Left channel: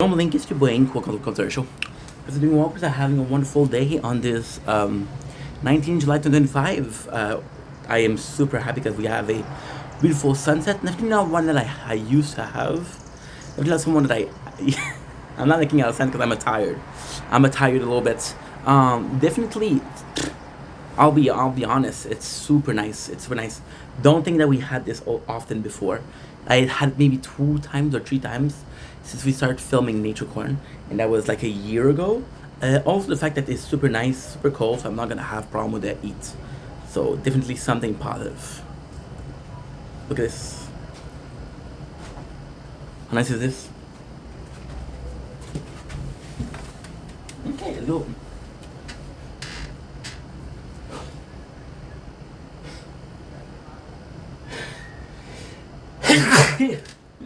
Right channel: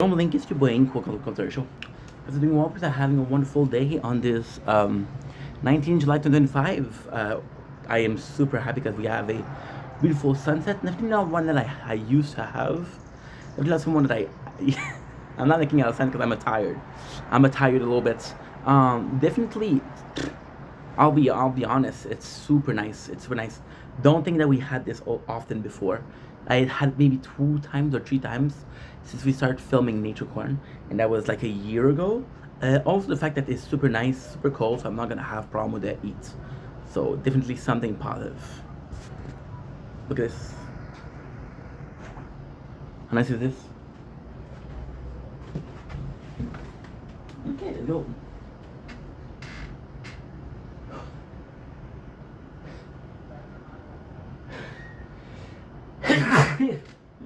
Link is your boy Ink. Welcome to the Culture Show. As doing well, are having a wonderful day on this 19 July 2025. I am super happy because we have a beautiful sunset. Definitely not one that I used to have. Definitely not someone that I'm not making out of sense because I'm tired. I'm tired a little bit. Definitely, I'll be honest. It's super nice. It's super nice. Don't think that we had this often before. I had maybe 2 times or 3 times since we started filming Nature Corn, and that was like a year ago. Also, the fact that it's super nice, super cold, so I'm not gonna have problem with that heat. So definitely something positive. Look at this. How nice is this? Okay, look.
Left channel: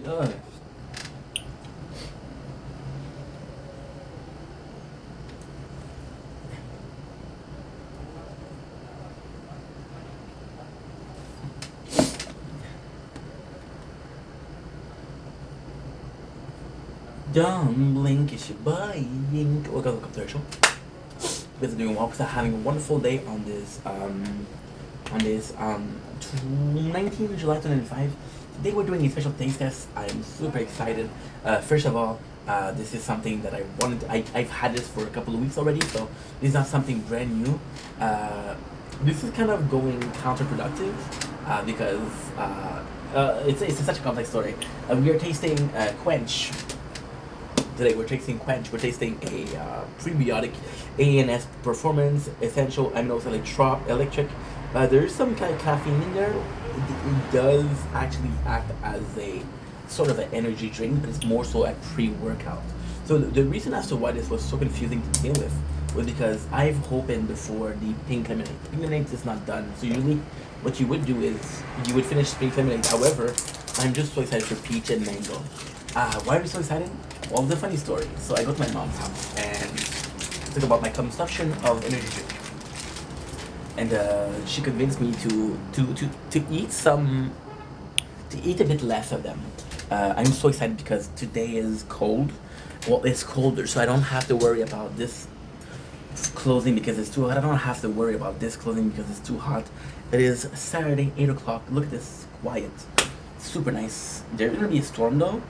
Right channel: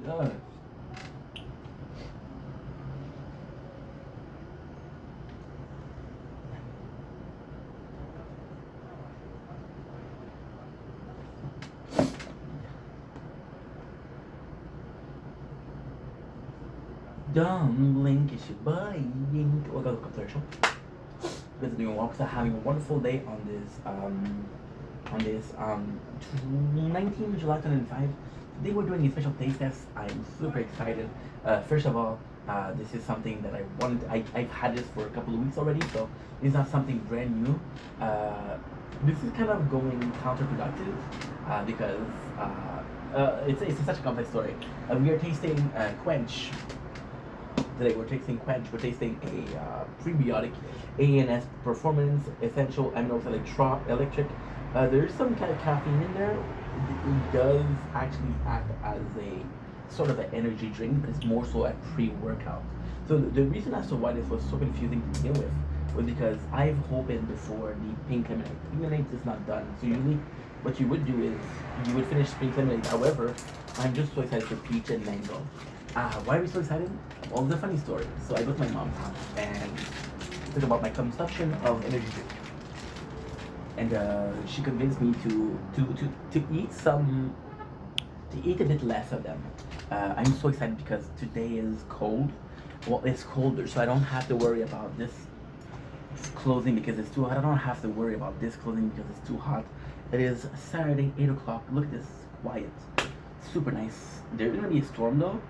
Ugh. Don't blink, it's your boy. Welcome to the show. Guys are doing well because I'm having a wonderful day on this 19 July 2005. Today we're doing a special taste test. I'm super excited. First of all, this is something that I wanted. I've had this for a couple of weeks already, so this is not something brand new. This is kind of going counterproductive because it's such a complex story. We are tasting Quench. Today we're tasting Quench. We're tasting a prebiotic ANS Performance Essential Aminos Electric. There's some kind of caffeine in there. It does actually act as a sort of an energy drink, but it's more so a pre-workout. So the reason as to why this was so confusing to begin with was because I've opened before the pink lemonade. Pink lemonade is not done. So usually what you would do is you would finish pink lemonade. However, I'm just so excited for peach and mango. Why are we so excited? Well, it's a funny story. So I go to my mom's house and talk about my consumption of energy drink, and she convinced me to eat a bit less of them. I'm so excited because today is cold. Well, it's colder, so I don't have to worry about this clothing because it's too hot. I don't have to worry about this clothing because it's too hot. It is Saturday, 8 o'clock. Look at this, quiet, super nice. There's gonna be a storm though.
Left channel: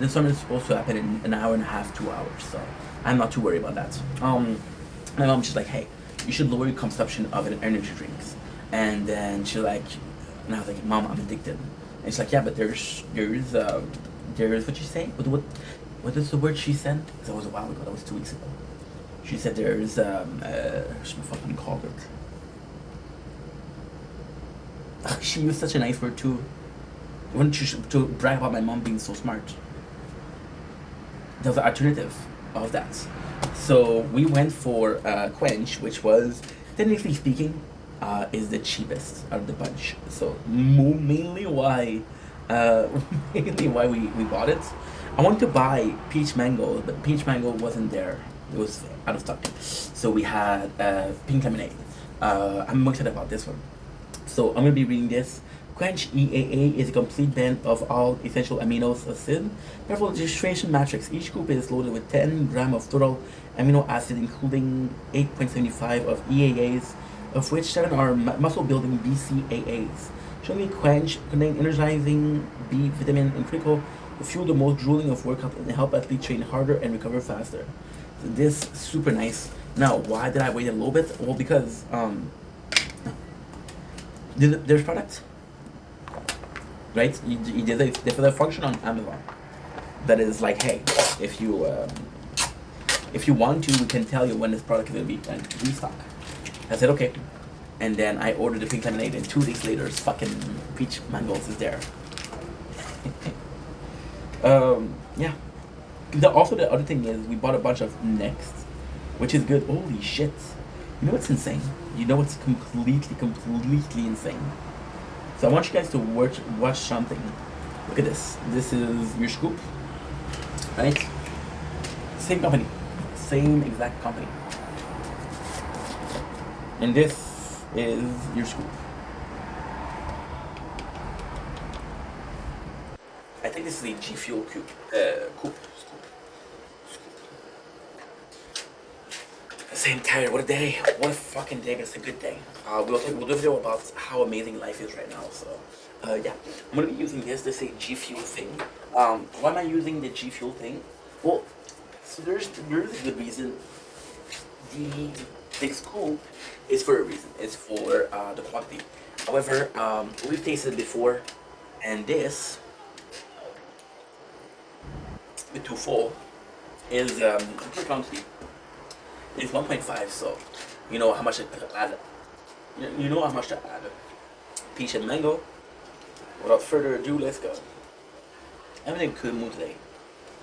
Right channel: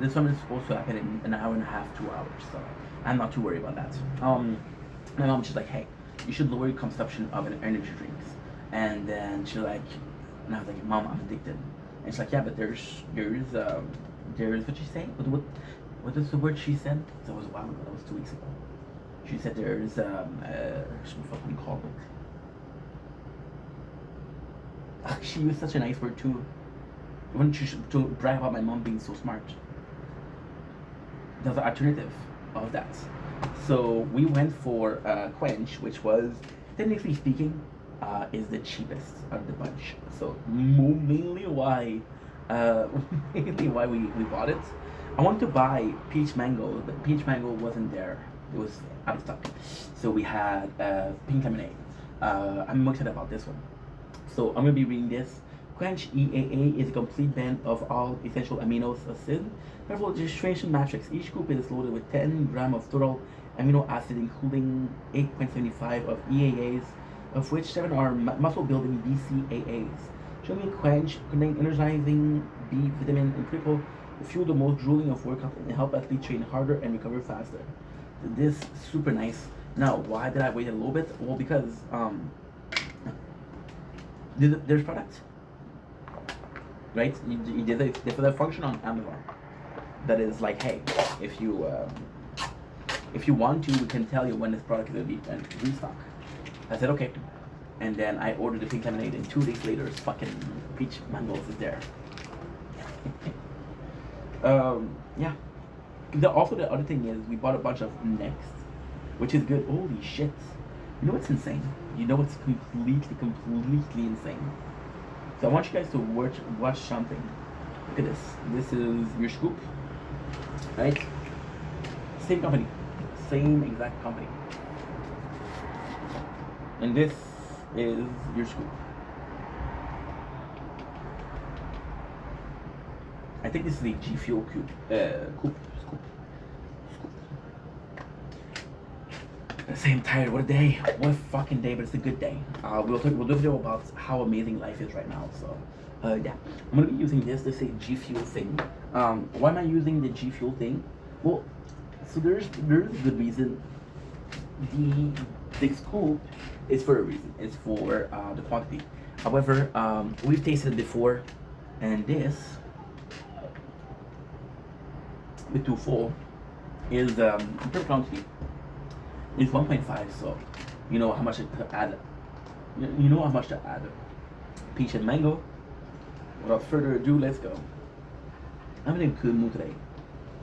The storm is supposed to happen in an hour and a half, 2 hours. So I'm not too worried about that. My mom's just like, hey, you should lower your consumption of energy drinks. And then she's like, and I was like, Mom, I'm addicted. And she's like, yeah, but there's what she say? What is the word she said? Because that was a while ago. That was 2 weeks ago. She said there's what's my fucking call it? She used such a nice word too. I want to brag about my mom being so smart. There's an alternative of that. So we went for Quench, which was, technically speaking, is the cheapest out of the bunch. So mainly why we bought it. I wanted to buy peach mango, but peach mango wasn't there. It was out of stock. So we had pink lemonade. I'm excited about this one. So I'm gonna be reading this. Quench EAA is a complete blend of all essential amino acids. Therefore, registration matrix. Each scoop is loaded with 10 grams of total amino acid, including 8.75 of EAAs, of which 7 are muscle-building BCAAs. Showing Quench contain energizing B vitamin and critical to fuel the most grueling of workout and help athletes train harder and recover faster. So this super nice. Now, why did I wait a little bit? Well, because there's products, right? There's a function on Amazon that is like, hey, if you want to, we can tell you when this product is gonna be restock. I said okay, and then I ordered the pink lemonade, and 2 days later, fucking peach mangoes is there. Yeah. Also, the other thing is we bought a bunch of Next, which is good. Holy shit! You know what's insane? You know what's completely insane? So I want you guys to watch something. Look at this. This is your scoop, right? Same company, same exact company. And this is your scoop. I think this is a G Fuel scoop. Same tired. What a day. What a fucking day, but it's a good day. We'll do a video about how amazing life is right now. So, yeah. I'm going to be using this a G Fuel thing. Why am I using the G Fuel thing? Well, so there's a good reason. The scoop is for a reason. It's for the quantity. However, we've tasted it before, and this, the too full, is per quantity. It's 1.5, so you know how much to add. You know how much to add. Peach and mango. Without further ado, let's go. I'm in a good mood today.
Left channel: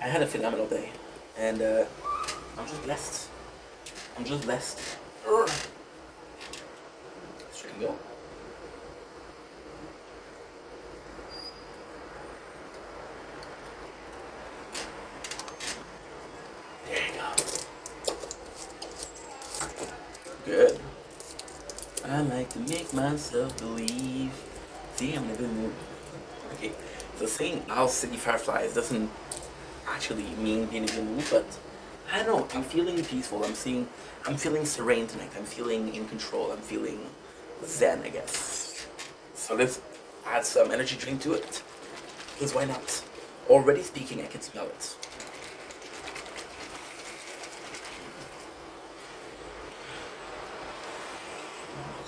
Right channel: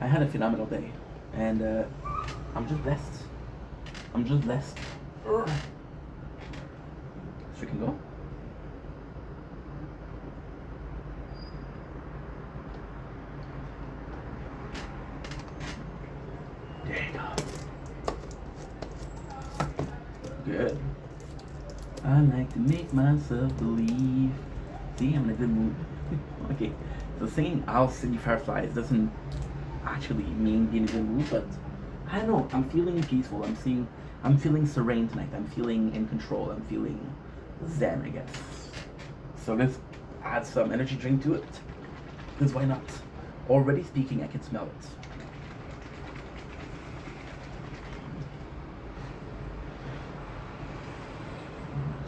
I had a phenomenal day, and I'm just blessed. I'm just blessed. So you can go. There you go. Good. I like to make myself believe. See, I'm in a good mood. Okay, so saying Owl City Fireflies doesn't actually mean being in a good mood, but I don't know. I'm feeling peaceful. I'm feeling serene tonight. I'm feeling in control. I'm feeling zen, I guess. So let's add some energy drink to it. Because why not? Already speaking, I can smell it.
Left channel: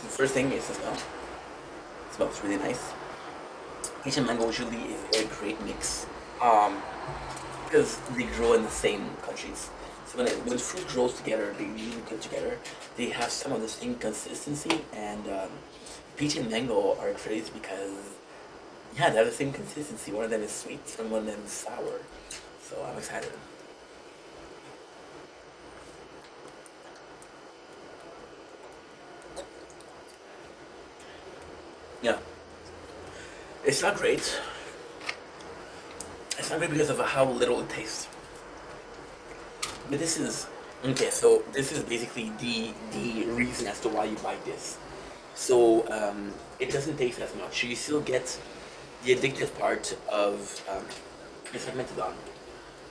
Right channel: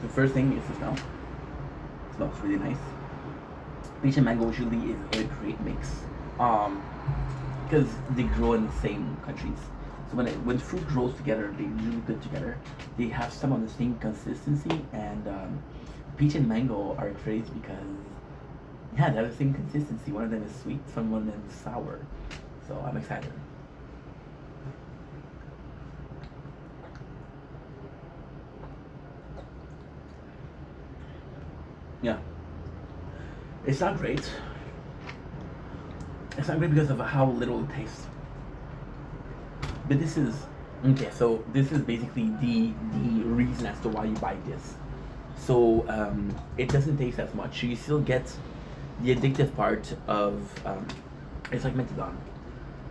The first thing is the smell. It smells really nice. Peach and mango usually is a great mix, because they grow in the same countries. So when fruit grows together, they really good together. They have some of the same consistency, and peach and mango are crazy because yeah, they have the same consistency. One of them is sweet, one of them is sour. So I'm excited. Yeah. It's not great. It's not great because of how little it tastes. But this is okay. So this is basically the reason as to why you buy this. So it doesn't taste as much. You still get the addictive part of it's like methadone.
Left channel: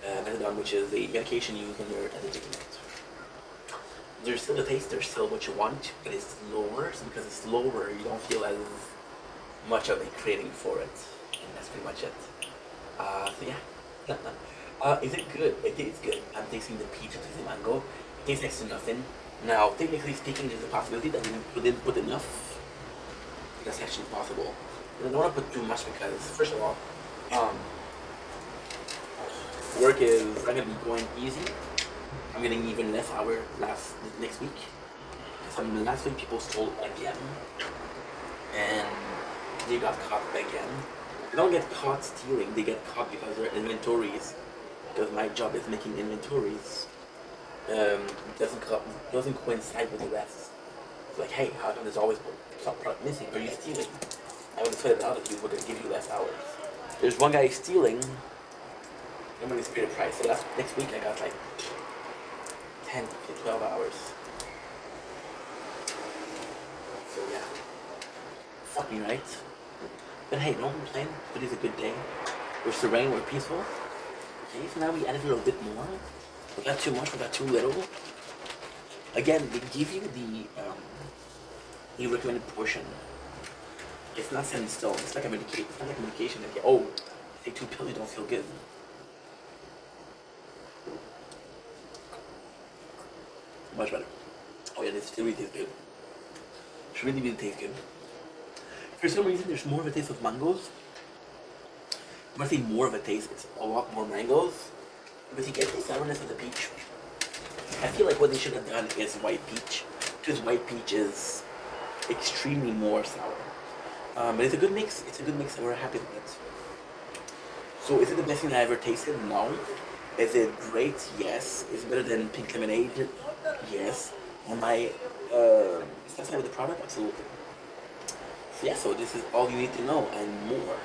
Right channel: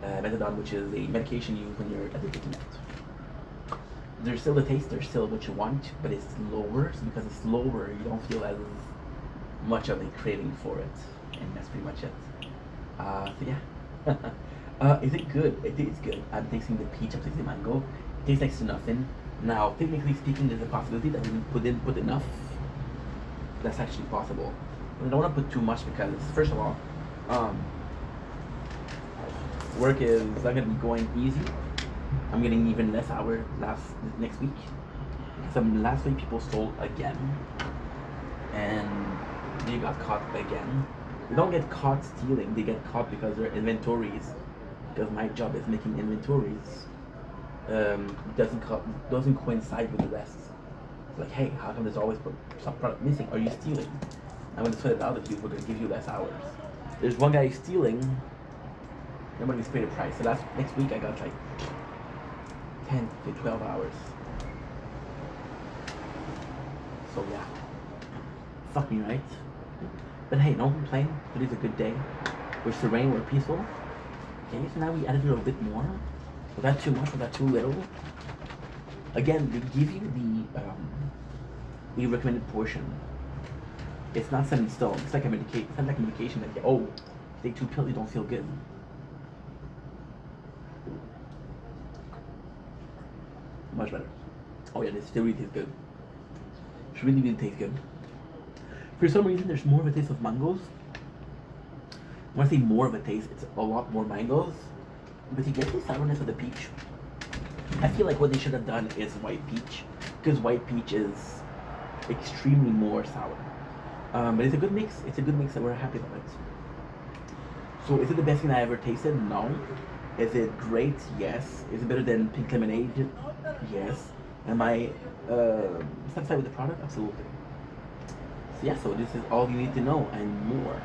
Methadone, which is the medication you use when you're addicted to it. There's still the taste. There's still what you want, but it's lower. So because it's lower, you don't feel as much of a craving for it, and that's pretty much it. So yeah. Is it good? It is good. I'm tasting the peach, I'm tasting the mango. It tastes next to nothing. Now, technically speaking, there's a possibility that we didn't put enough. That's actually possible. But I don't want to put too much because, first of all, work is not gonna be going easy. I'm getting even less hour next week. Because last week people stole again, and they got caught again. They don't get caught stealing, they get caught because their inventories, because my job is making inventories, doesn't coincide with the rest. It's like, hey, how come there's always some product missing? Are you stealing? I'm going to sweat it out at you, but to give you less hours. There's one guy stealing, nobody's paid a price. So next week I got like 10 to 12 hours. So yeah, fucking right. But hey, don't complain. Today's a good day. We're serene, we're peaceful. Okay, so now we added a little bit more. Without too much, without too little. Again, they give you the recommended portion. It's not set in stone. It's like a medication. It's not like a medication that you take 2 pills, you don't feel good. Much better. Oh yeah, this still really tastes good. It really tastes good. For some reason, there's more of a taste of mangoes. When I say more of a taste, it's a lot more mangoes. But you get the sourness of the peach. I feel like what they should have done is white peach. Because white peach is extremely more sour. But it's a good mix. It's a good mix and we're happy with it. So is it the best thing I ever tasted? No. Is it great? Yes. Is it better than pink lemonade? Yes. Am I satisfied with the product? Absolutely. So yeah, so this is all you need to know and more.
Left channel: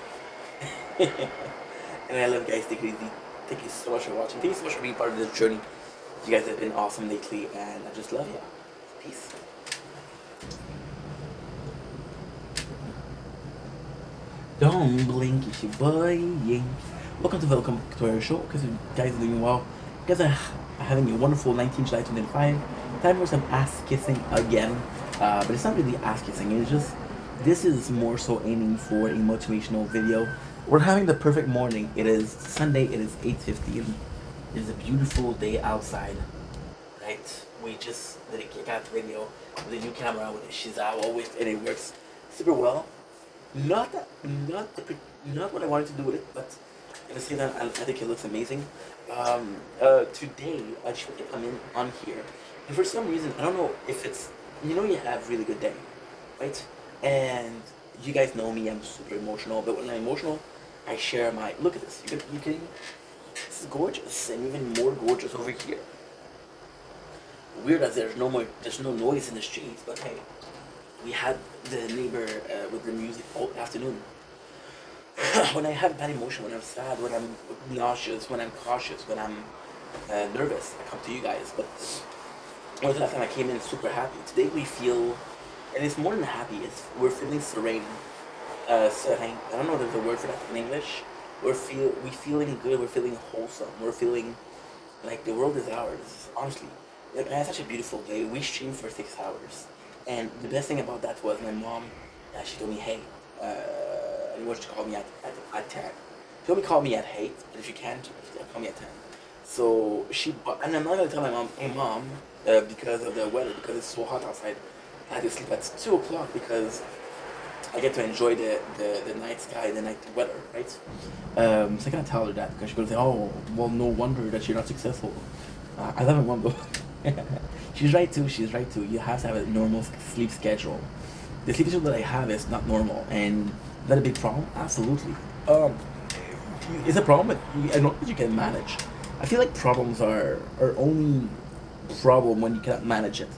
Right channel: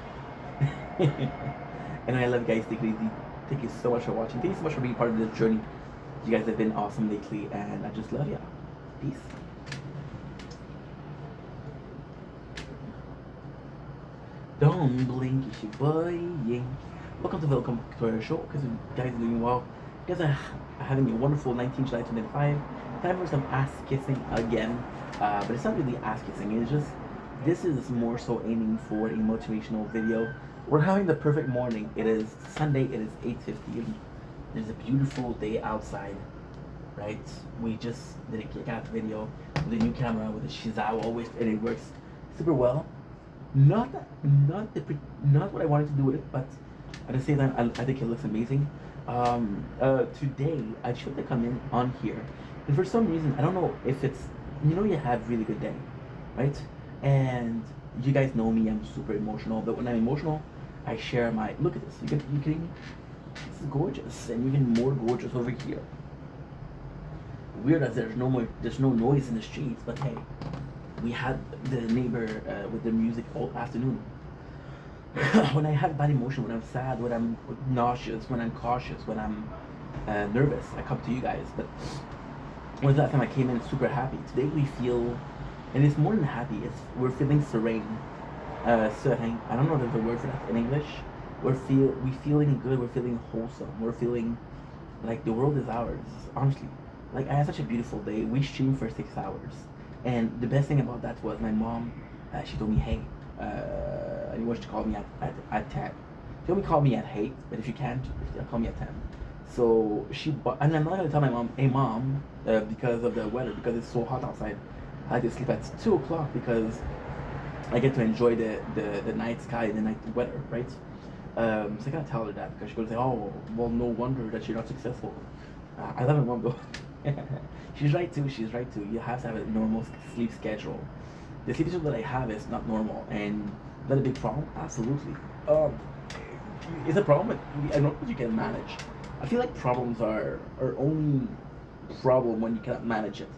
And I love you guys. Take it easy. Thank you so much for watching. Thank you so much for being part of this journey. You guys have been awesome lately and I just love you. Peace. Don't blink, it's your boy. Welcome to our show. Because you guys are doing well. You guys are having a wonderful 19th July 2025. Time for some ass kissing again. But it's not really ass kissing. It's just this is more so aiming for a motivational video. We're having the perfect morning. It is Sunday. It is 8:15. It is a beautiful day outside. Right? We just did a kick-out video with a new camera with a Shizawa with, and it works super well. Not not what I wanted to do with it, but at the same time, I think it looks amazing. Today I tried to come in on here, and for some reason I don't know if it's, you have really good day, right? And you guys know me, I'm super emotional, but when I'm emotional, I share my look at this. You can this is gorgeous, and even more gorgeous over here. Weird as there's no noise in the streets, but hey, we had the neighbor with the music all afternoon. When I have bad emotion, when I'm sad, when I'm nauseous, when I'm cautious, when I'm nervous, I come to you guys. But when was the last time I came in super happy? Today we feel, and it's more than happy. We're feeling serene. Serene. I don't know if there's a word for that in English. We feeling good. We're feeling wholesome. We're feeling like the world is ours. Honestly, like I had such a beautiful day. We streamed for 6 hours, and the best thing about that was my mom. She told me, hey. And you want to call me at 10. She told me call me at 8, and if you can't, call me at 10. So she bought, and I'm not gonna tell my mom, hey mom, because of the weather, because it's so hot outside, I had to sleep at 2 o'clock because I get to enjoy the night sky, the night weather, right? So I can't tell her that because she's gonna say, oh, well, no wonder that you're not successful. I love my mom though. She's right too. You have to have a normal sleep schedule. The sleep schedule that I have is not normal, and is that a big problem? Absolutely. It's a problem, but I don't think you can manage. I feel like problems are only problem when you cannot manage it.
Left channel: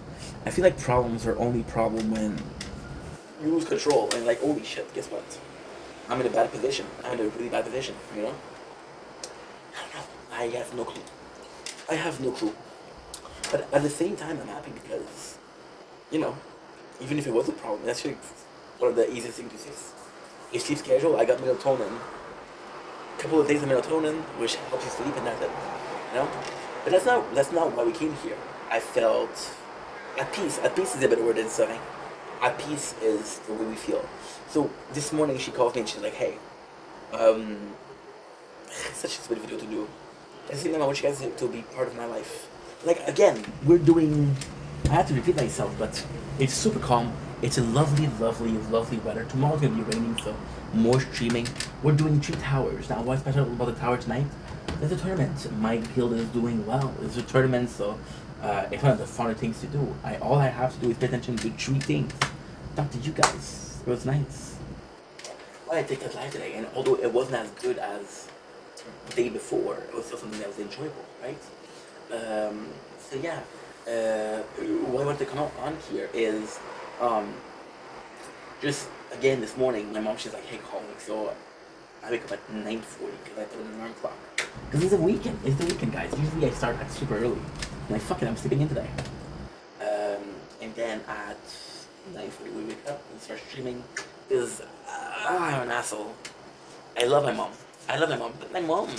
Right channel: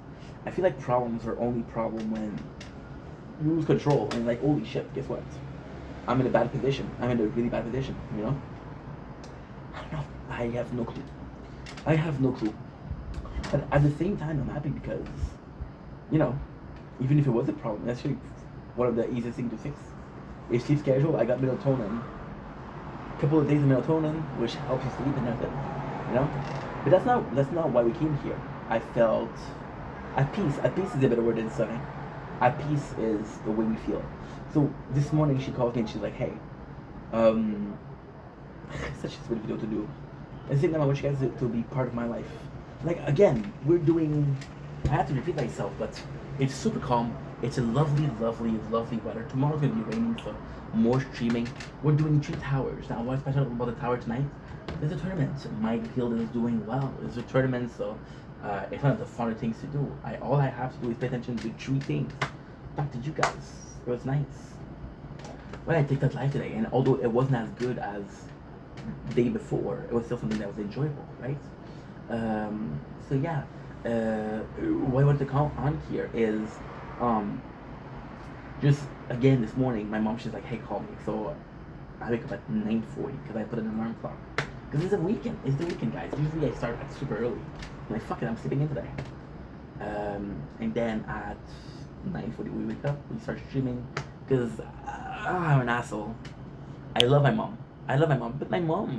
I feel like problems are only problem when you lose control and like, holy shit, guess what? I'm in a bad position. I'm in a really bad position, I don't know. I have no clue. But at the same time, I'm happy because, even if it was a problem, that's actually one of the easiest things to fix. A sleep schedule, I got melatonin. A couple of days of melatonin, which helps you sleep, and that's it. But that's not why we came here. I felt at peace. At peace is a better word than sorry. At peace is the way we feel. So this morning she calls me and she's like, hey, it's such a stupid video to do. At the same time, I want you guys to be part of my life. Like again, I have to repeat myself, but it's super calm. It's a lovely, lovely, lovely weather. Tomorrow's gonna be raining, so more streaming. We're doing 2 towers. Now, what's special about the tower tonight? There's a tournament. My guild is doing well. It's a tournament, so it's one of the funner things to do. All I have to do is pay attention to 3 things. Talk to you guys. It was nice. Well, I take that live today, and although it wasn't as good as the day before, it was still something that was enjoyable, right? So yeah. What I want to come on here is just again this morning my mom, she's like, hey, call me. So I wake up at 9:40 because I put an alarm clock because it's the weekend, guys. Usually I start at super early. I'm like, fuck it, I'm sleeping in today. And then at 9:40 we wake up and start streaming because I'm an asshole. I love my mom, but my mom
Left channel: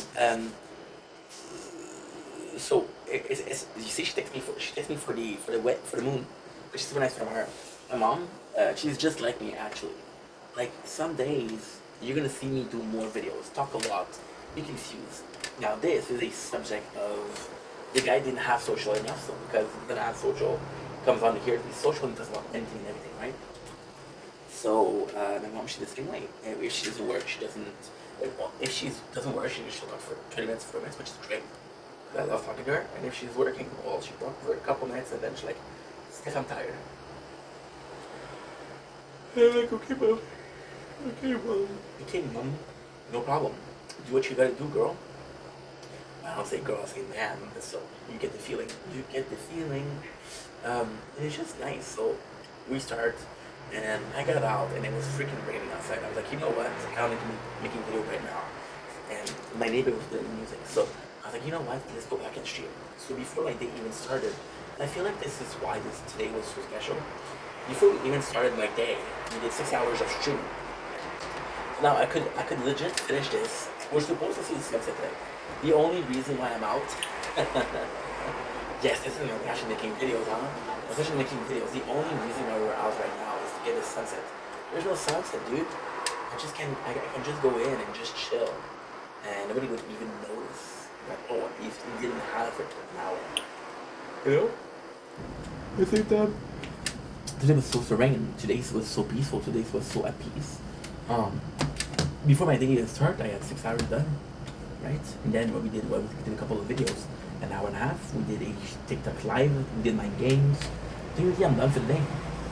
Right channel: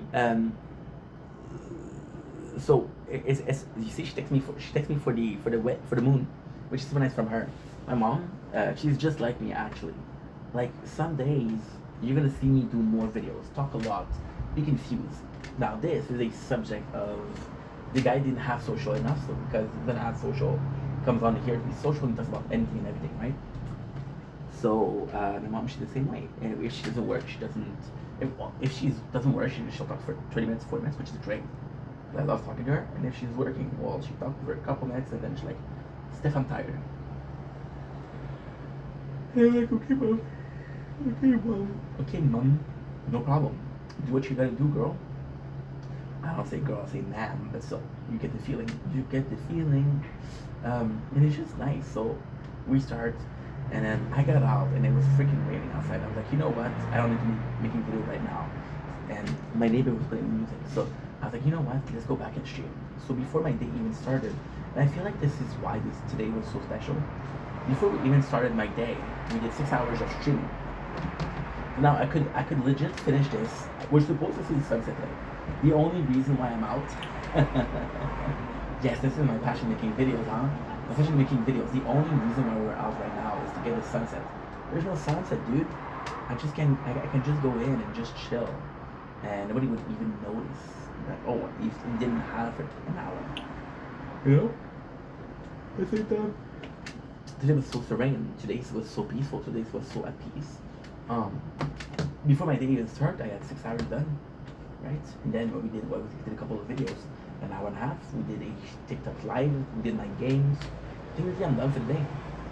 so it's you see, she texts me for the moon, which is super nice from her. My mom, she's just like me actually. Like some days you're gonna see me do more videos, talk a lot, be confused. Now this is a subject of the guy didn't have social enough, so because he didn't have social, comes on here to be social and talks about anything and everything, right? So my mom, she's the same way. And if she doesn't work, she doesn't. If she doesn't work, she'll talk for 20 minutes, 40 minutes, which is great. I love talking to her, and if she's working, well, she talks for a couple minutes, and then she's like, Steph, I'm tired. And I'm like, okay, mom, no problem. Do what you gotta do, girl. I don't say girl, I say man, so you get the feeling. And it's just nice, so we start, and then I got out, and it was freaking raining outside. I was like, you know what, I don't need to be making video right now. And my neighbor was playing music, so I was like, you know what, let's go back and stream. So before my day even started, and I feel like this is why today was so special. Before we even started my day, we did 6 hours of streaming. Now I could legit finish this. We're supposed to see the sunset today. The only reason why I'm out Yes, this is my passion making videos, huh? My passion making videos. The only reason why we're out right now is to get a sunset. There's no sunset, dude. I can just go in and just chill, and nobody would even notice that. Oh, you didn't have it now. You know? I think that today was so serene. Today was so peaceful. Today was so at peace. Um, Before my day even started, I had 6 hours done, right? And then what we did was we did a couple of videos, an hour and a half. We did a TikTok live. We did my games. Seriously, I'm done for the day.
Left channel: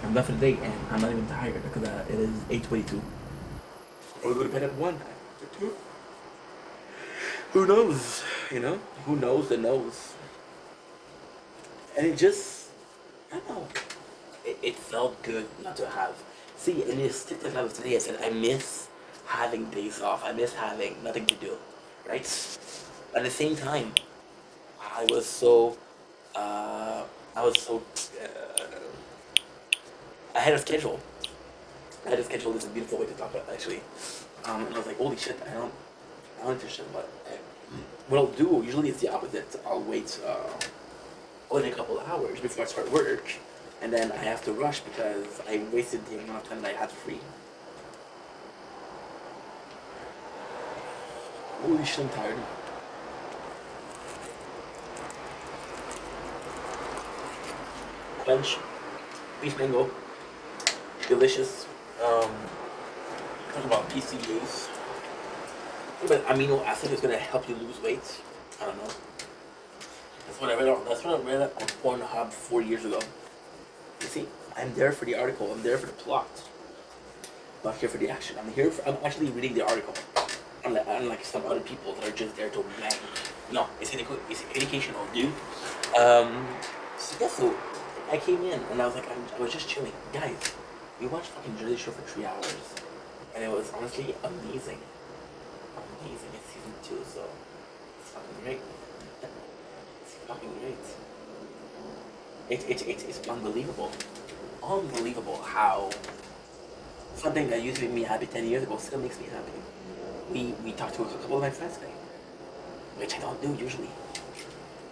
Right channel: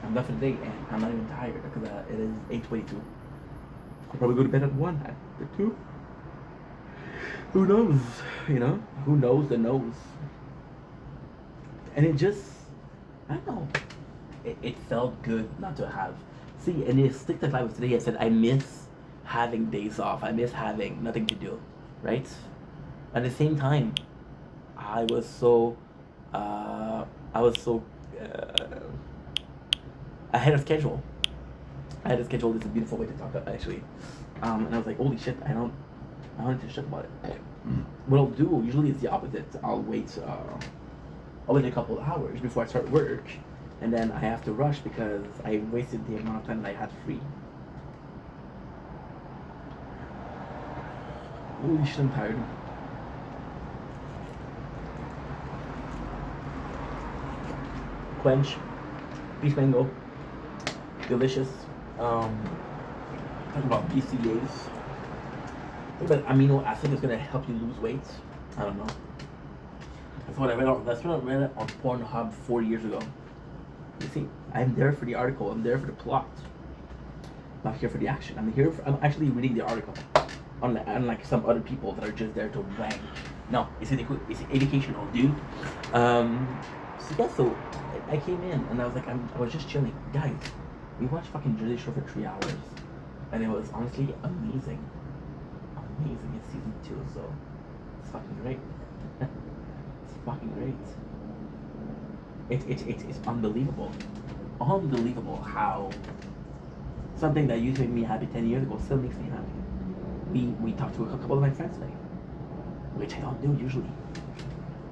I'm done for the day, and I'm not even tired because it is 8:22. I'll probably go to bed at 1 or 2. Who knows? You know? Who knows the knows? And it just, I don't know. It felt good not to have. See, in this TikTok live today, I said I miss having days off. I miss having nothing to do, right? At the same time, I was so, uh, I was so, I had a schedule. I had a schedule. This is a beautiful way to talk about, actually. And I was like, holy shit, I don't need to shit about it. What I'll do usually is the opposite. I'll wait a couple of hours before I start work, and then I have to rush because I wasted the amount of time that I had free. Holy shit, I'm tired. Quench, peach mango, delicious. Talk about BCAAs. But amino acid is gonna help you lose weight. I don't know. That's what I read. That's what I read on Pornhub 4 years ago. You see, I'm there for the article. I'm there for the plot. I'm not here for the action. I'm actually reading the article. Unlike some other people that are just there to wank. No, it's educational, dude. So yeah, so I came in and I was like, I was just chilling, guys. We watched fucking Jersey Shore for 3 hours, and it was honestly amazing. Amazing. It's season 2, so it's fucking great. It's fucking great. It's unbelievable. Unbelievable how something that used to make me happy 10 years ago still makes me happy. We talked to a couple of my friends today, which I don't do usually,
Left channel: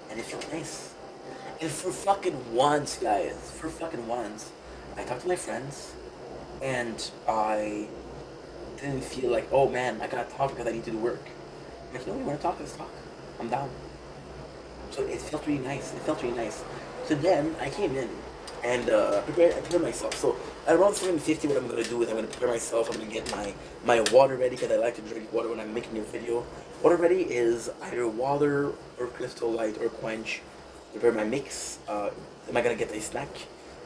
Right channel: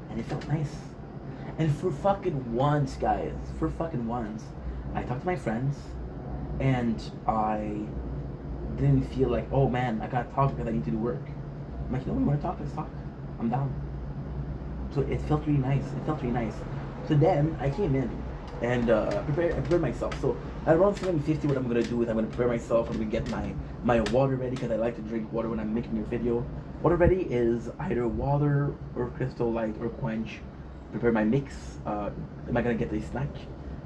and it felt nice. And for fucking once, guys, for fucking once, I talked to my friends, and I didn't feel like, oh man, I gotta talk because I need to do work. I'm like, you know, we want to talk, let's talk. I'm down. So it felt really nice. It felt really nice. So then I came in and prepared myself. So at around 7:50, what I'm gonna do is I'm gonna prepare myself. I'm gonna get my water ready because I like to drink water when I'm making a video. Water ready is either water or Crystal Light or Quench. Prepare my mix. Am I gonna get a snack?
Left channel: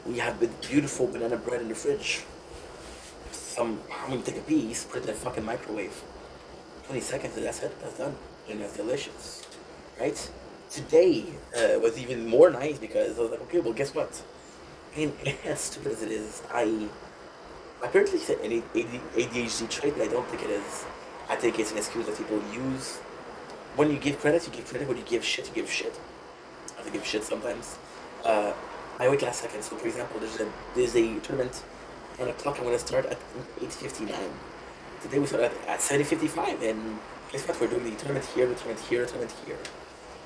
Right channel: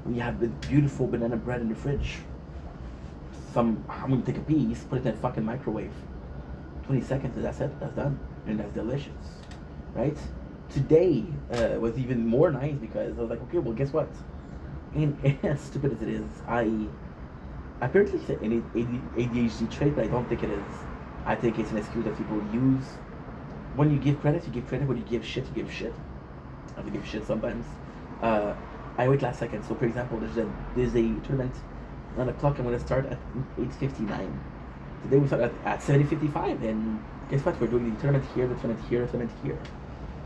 We have the beautiful banana bread in the fridge. I'm gonna take a piece, put it in a fucking microwave. 20 seconds, and that's it. That's done, and that's delicious, right? Today was even more nice because I was like, okay, well, guess what? And as stupid as it is, I apparently said an ADHD trait, but I don't think it is. I think it's an excuse that people use. When you give credit, you give credit. When you give shit, you give shit. I have to give shit sometimes. I wait last second. So, for example, there's a tournament on the clock. I'm gonna start at 8:59. Today we start at 7:55, and guess what? We're doing the tournament here, the tournament here, the tournament here.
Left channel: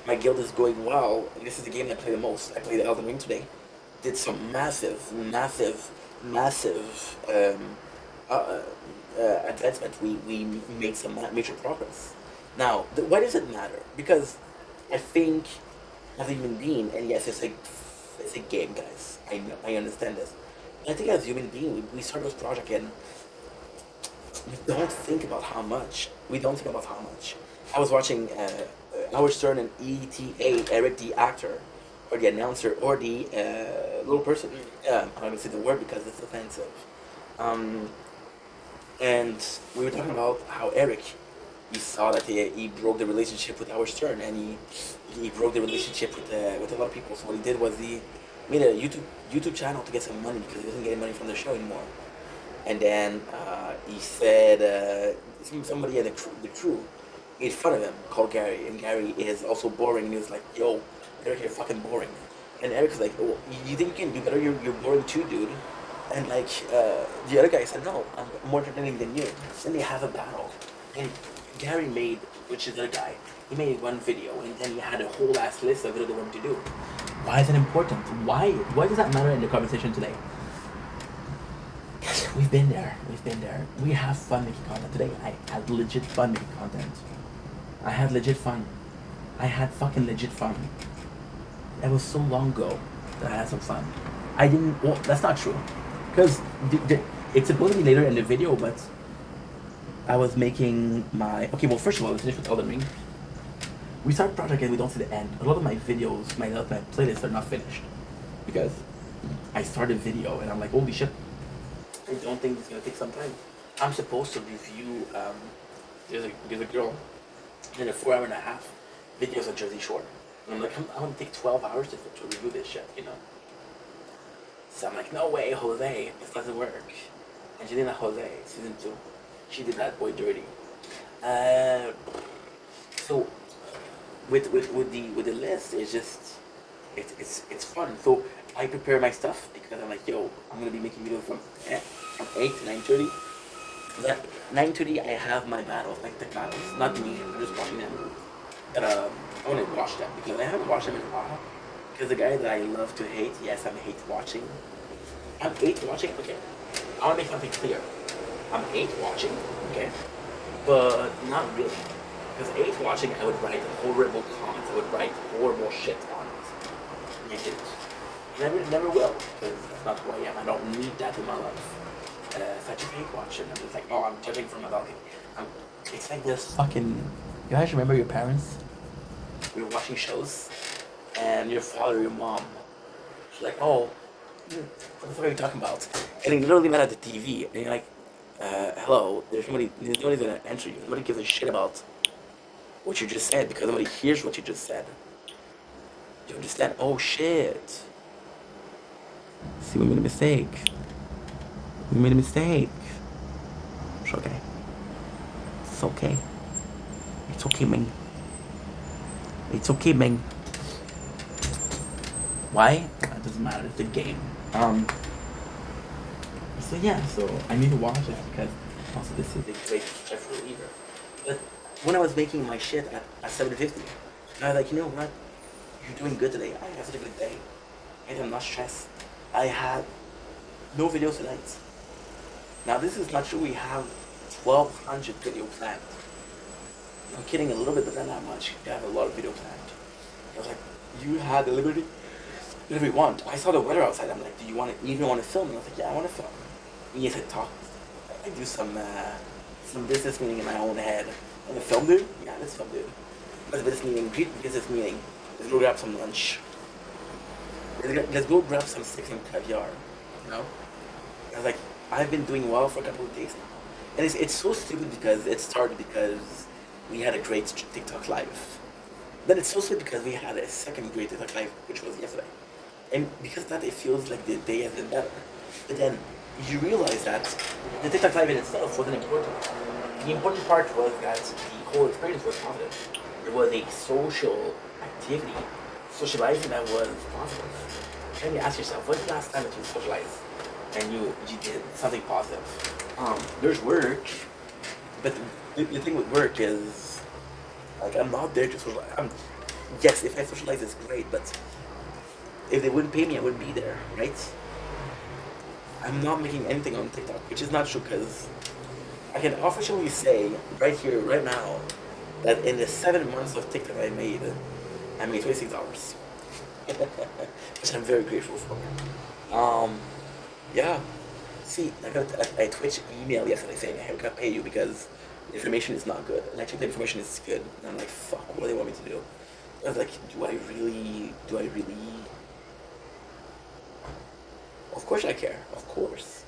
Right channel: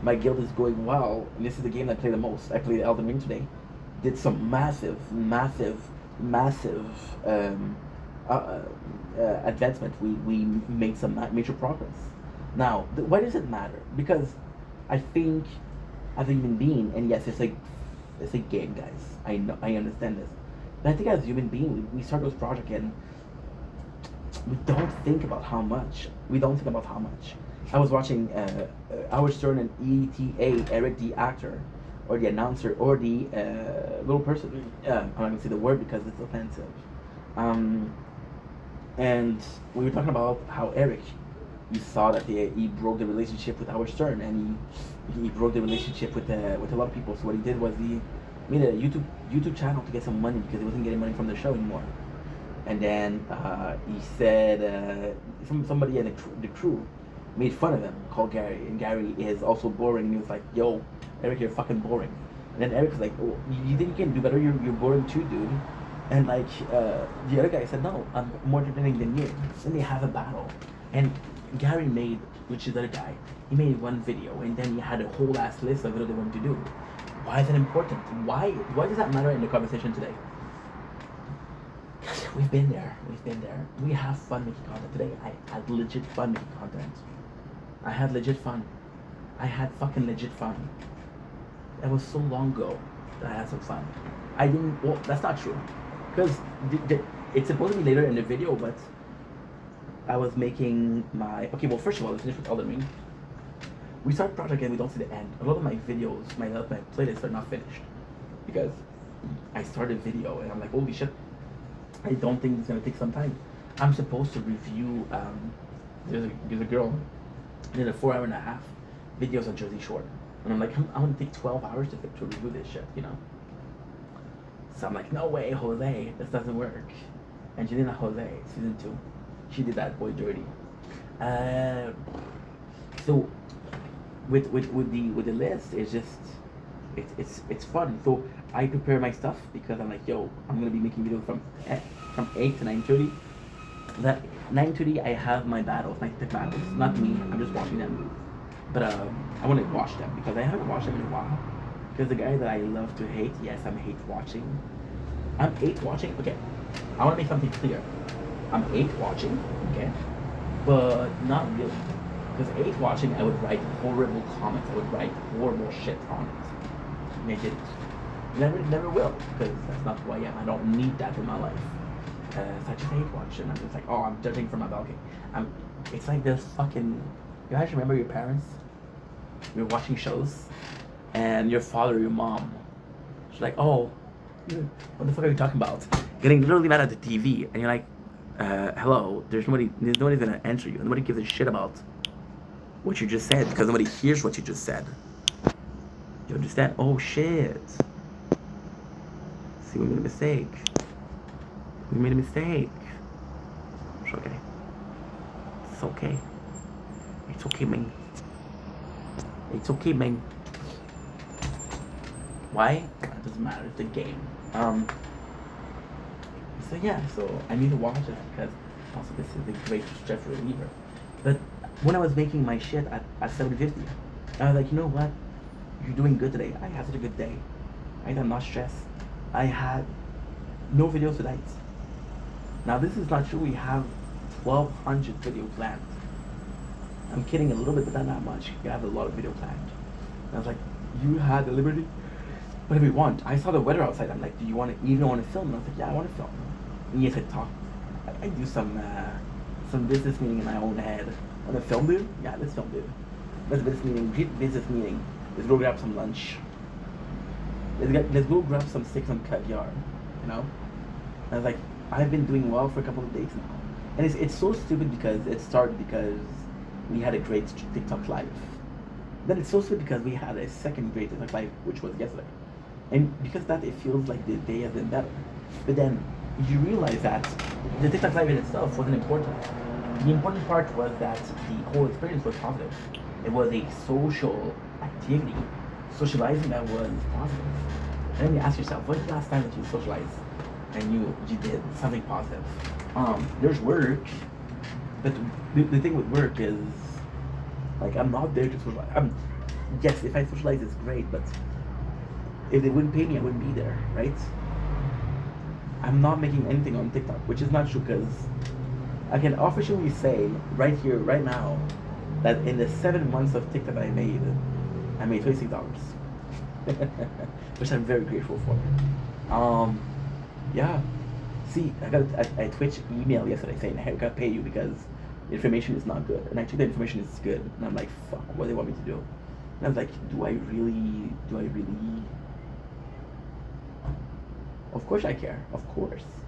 My guild is going well, and this is the game I play the most. I played Elden Ring today. Did some massive advancement. We made some major progress. Now, why does it matter? Because I think as a human being, and yes, it's a game, guys. I know, I understand this, but I think as a human being, we start this project and we don't think about how much. We don't think about how much. I was watching Howard Stern and ETA, Eric the actor, or the announcer, or the little person. I'm not gonna say the word because it's offensive. And we were talking about how Eric, you saw that he broke the relationship with Howard Stern, and he broke the relationship with a lot of people. So what he did was he made a YouTube channel to get some money because he wasn't getting money from the show anymore. And then he said somebody in the crew made fun of him, called Gary, and Gary is also boring, and he was like, yo, Eric, you're fucking boring. And then Eric was like, oh, you think you can do better? You're boring too, dude. And like the other guy said, no, I'm more entertaining than you. Then they have a battle, and Gary made, which is the other guy, he made one video, and then he had a whole ass list of what they wanted to do. Why is it important? Why does that matter in the conversation today? We've been there. We've been there. We have fun making content today. I had legit fun making content. I had legit fun. I had fucking legit fun. It was so long ago that I had some fun. I didn't. Well, that's not true, because it's supposed to be later in the video, but I was making my. Okay, well, first of all, let's finish with Elden Ring. We start a project and we don't see the end. A lot of my videos, my playlists are not finished because I started a video and I'm like, holy shit, I don't think it's gonna take some time. I'm supposed to review. There's a girl did a 4.5 hour videos on Jersey Shore, and I'm like, I'm gonna take 12 hours to review this shit, you know. So I'm like, no way, Jose, this doesn't work. Angelina Jose, season 2, she did that boy dirty. So with the list, it's just it's fun. So I prepare my stuff because I'm like, yo, I'm gonna be making videos from 8 to 9:30. That 9:30 I have my battles, my tech battles. Not me, I'm just watching them. But I want to watch them because I haven't watched them in a while. Because the guy that I love to hate, yes, I'm hate watching. I'm hate watching. Okay, I want to make something clear. I'm hate watching, okay, but not really. Because hate watching, I would write horrible comments. I would write horrible shit on it. And I didn't. Never will, because that's not who I am. I don't need that in my life. Such a hate watcher, and I'm just like, oh, I'm judging from my balcony. It's like this fucking. You guys remember your parents? We were watching shows, and your father, your mom, she's like, oh, what the fuck are you talking about? Getting literally mad at the TV, and you're like, hello, there's nobody's gonna answer you. Nobody gives a shit about what you just said because nobody hears what you just said. You understand? Oh shit. See, we made a mistake. We made a mistake. It's okay. It's okay. It's okay, man. It's okay, man. Why? That doesn't matter. It's a game. So yeah, so I need to watch it because also this is a great stress reliever. But when I was making my shit at 7:50, I was like, you know what? You're doing good today. I had such a good day. Right? I'm not stressed. I had no videos tonight. Now this is not true. We have 1,200 video planned. I'm kidding a little bit, but not that much. We have a lot of video planned. And I was like, you had the liberty, whatever you want. I saw the weather outside. I'm like, do you even want to film? And I was like, yeah, I want to film. And yes, I talk. I do some business meeting in my own head. Want to film, dude? Yeah, let's film, dude. Let's business meeting. Great business meeting. Let's go grab some lunch. Let's go grab some steak and caviar. You know? And I was like, I've been doing well for a couple of days now. And it's so stupid because it started because we had a great TikTok live. Then it's so stupid because we had a second great TikTok live, which was yesterday. And because of that, it feels like the day has been better. But then you realize that the TikTok live in itself wasn't important. The important part was that the whole experience was positive. It was a social activity, socializing that was positive. And then you ask yourself, when's the last time that you socialized and you did something positive? There's work, but the thing with work is, like, I'm not there to socialize. Yes, if I socialize, it's great, but if they wouldn't pay me, I wouldn't be there, right? I'm not making anything on TikTok, which is not true because I can officially say right here, right now, that in the 7 months of TikTok I made $26, which I'm very grateful for. Yeah. See, I got a Twitch email yesterday saying, hey, we gotta pay you because the information is not good. And I checked the information is good. And I'm like, fuck, what do they want me to do? And I was like, do I really? Of course I care, of course.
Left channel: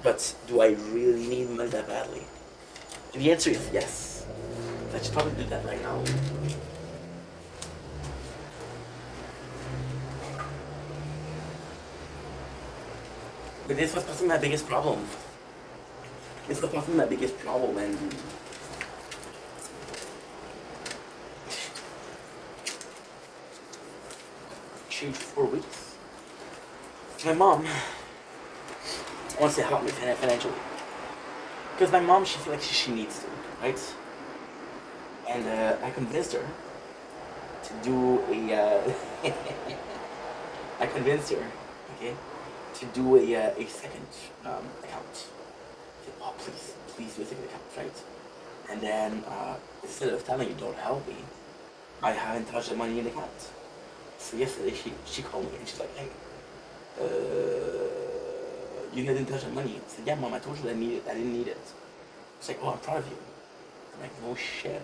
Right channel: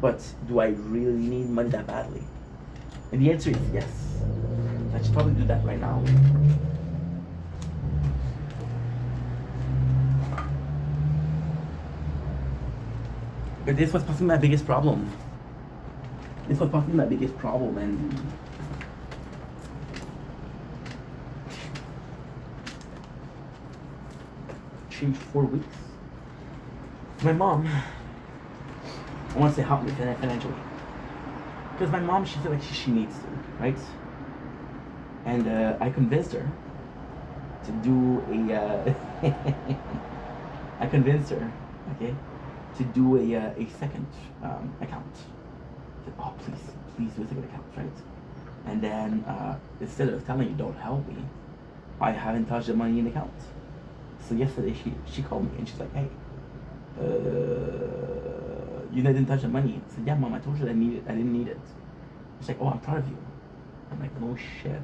But do I really need money that badly? And the answer is yes. I should probably do that right now. But this was possibly my biggest problem. And changed 4 weeks. My mom wants to help me financially. Because my mom, she feels like she needs to, right? And I convinced her to do convinced her, okay, to do a second account. I said, oh, please do a second account, right? And then instead of telling you, don't help me, I haven't touched the money in the account. So yesterday she called me and she's like, hey, you didn't touch the money. I said, yeah, mom, I told you I didn't need it. She's like, oh, I'm proud of you. I'm like, no shit.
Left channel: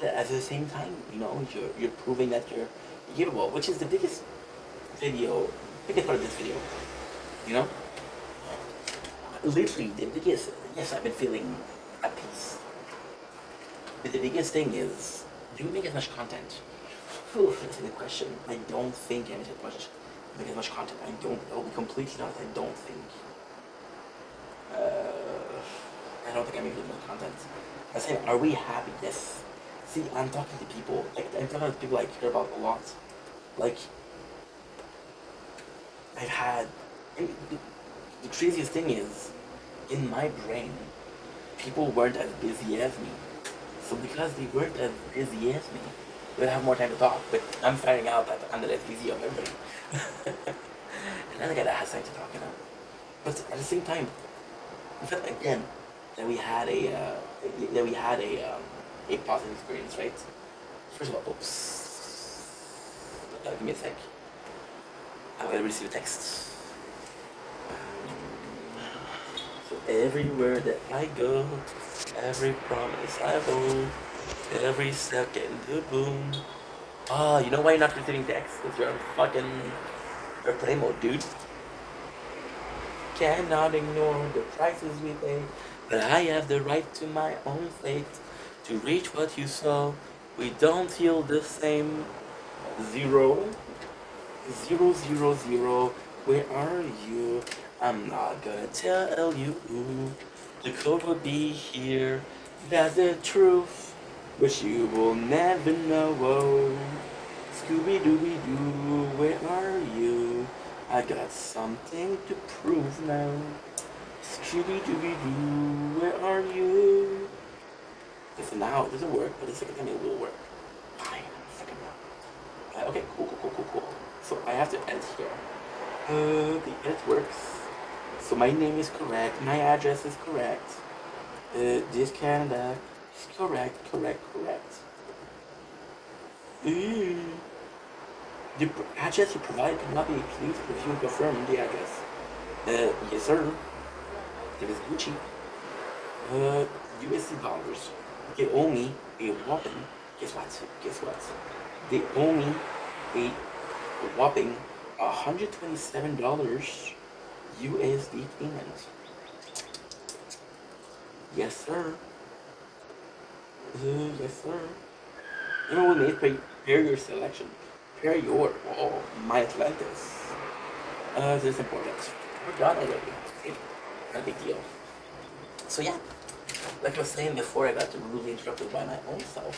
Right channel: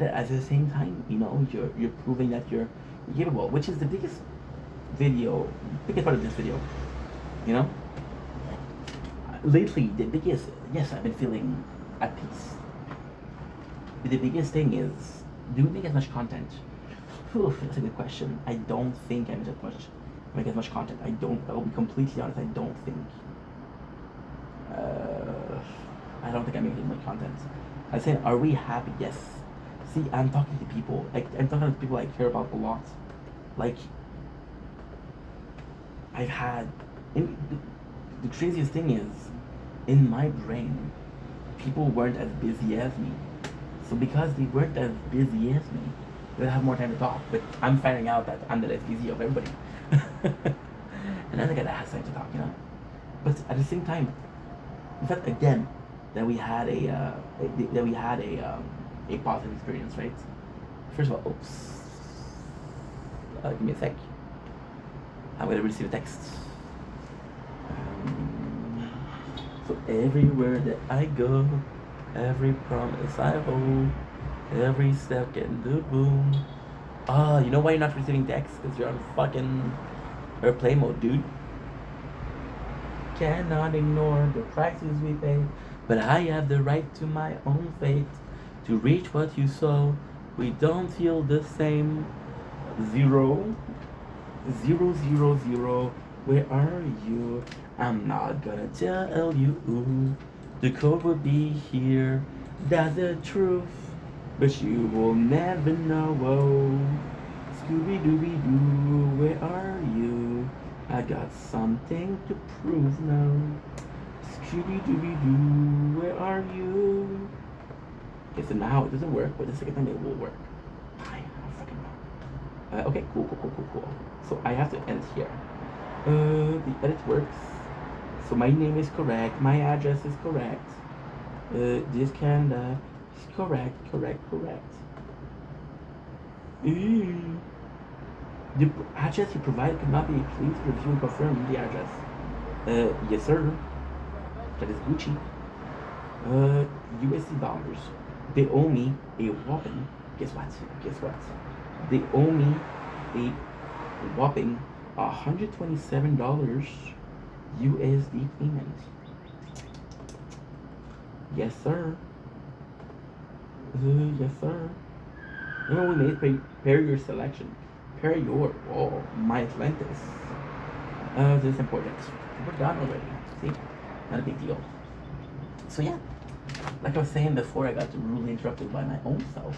At the same time, you're proving that you're capable, which is the biggest part of this video. You know, lately yes, I've been feeling at peace. But the biggest thing is, do we make as much content? Whew, that's a good question. I don't think I make as much content. I'll be completely honest, I don't think I make as much content. I say, are we happy? Yes. See, I'm talking to people. I'm talking to people I care about a lot. Like, I've had. The craziest thing is, in my brain, people weren't as busy as me. So because they weren't as busy as me, they'll have more time to talk. But I'm finding out that I'm the less busy of everybody. And I'm the guy that has time to talk, But at the same time, in fact, again, that we had a positive experience, right? First of all, oops. Give me a sec. I'm gonna receive a text. So everywhere that I go, every promise I hold, every second, the boom. You know why you're not receiving texts? Because you're on fucking airplane mode, dude. Cannot ignore the prices we pay, but I have the right to my own fate. To reach what you saw, we don't feel the same. 0, 0, 0, 0. Where are you? I'm not gonna tell you. The code will be here. That's the truth. But you will never know. Whoa. Scooby Dooby Doo, where are you? I got something to prove now. Scooby Dooby Doo, where are you? Okay, so now it doesn't work, but the second time it will work. Fine, fucking no. Okay, cool. So I have to edit here. The edit works. So my name is correct, my address is correct. This Canada is correct. The address you provided cannot be. Please review and confirm the address. Yes, sir. That is Gucci. USD dollars. They owe me a whopping. Guess what? They owe me a whopping $127 USD payment. Yes, sir. Yes, sir. You know what made prepare your selection. My Atlantis. This is important. We're done already. See? Not a big deal. So yeah, like I was saying before, I got rudely interrupted by my own self.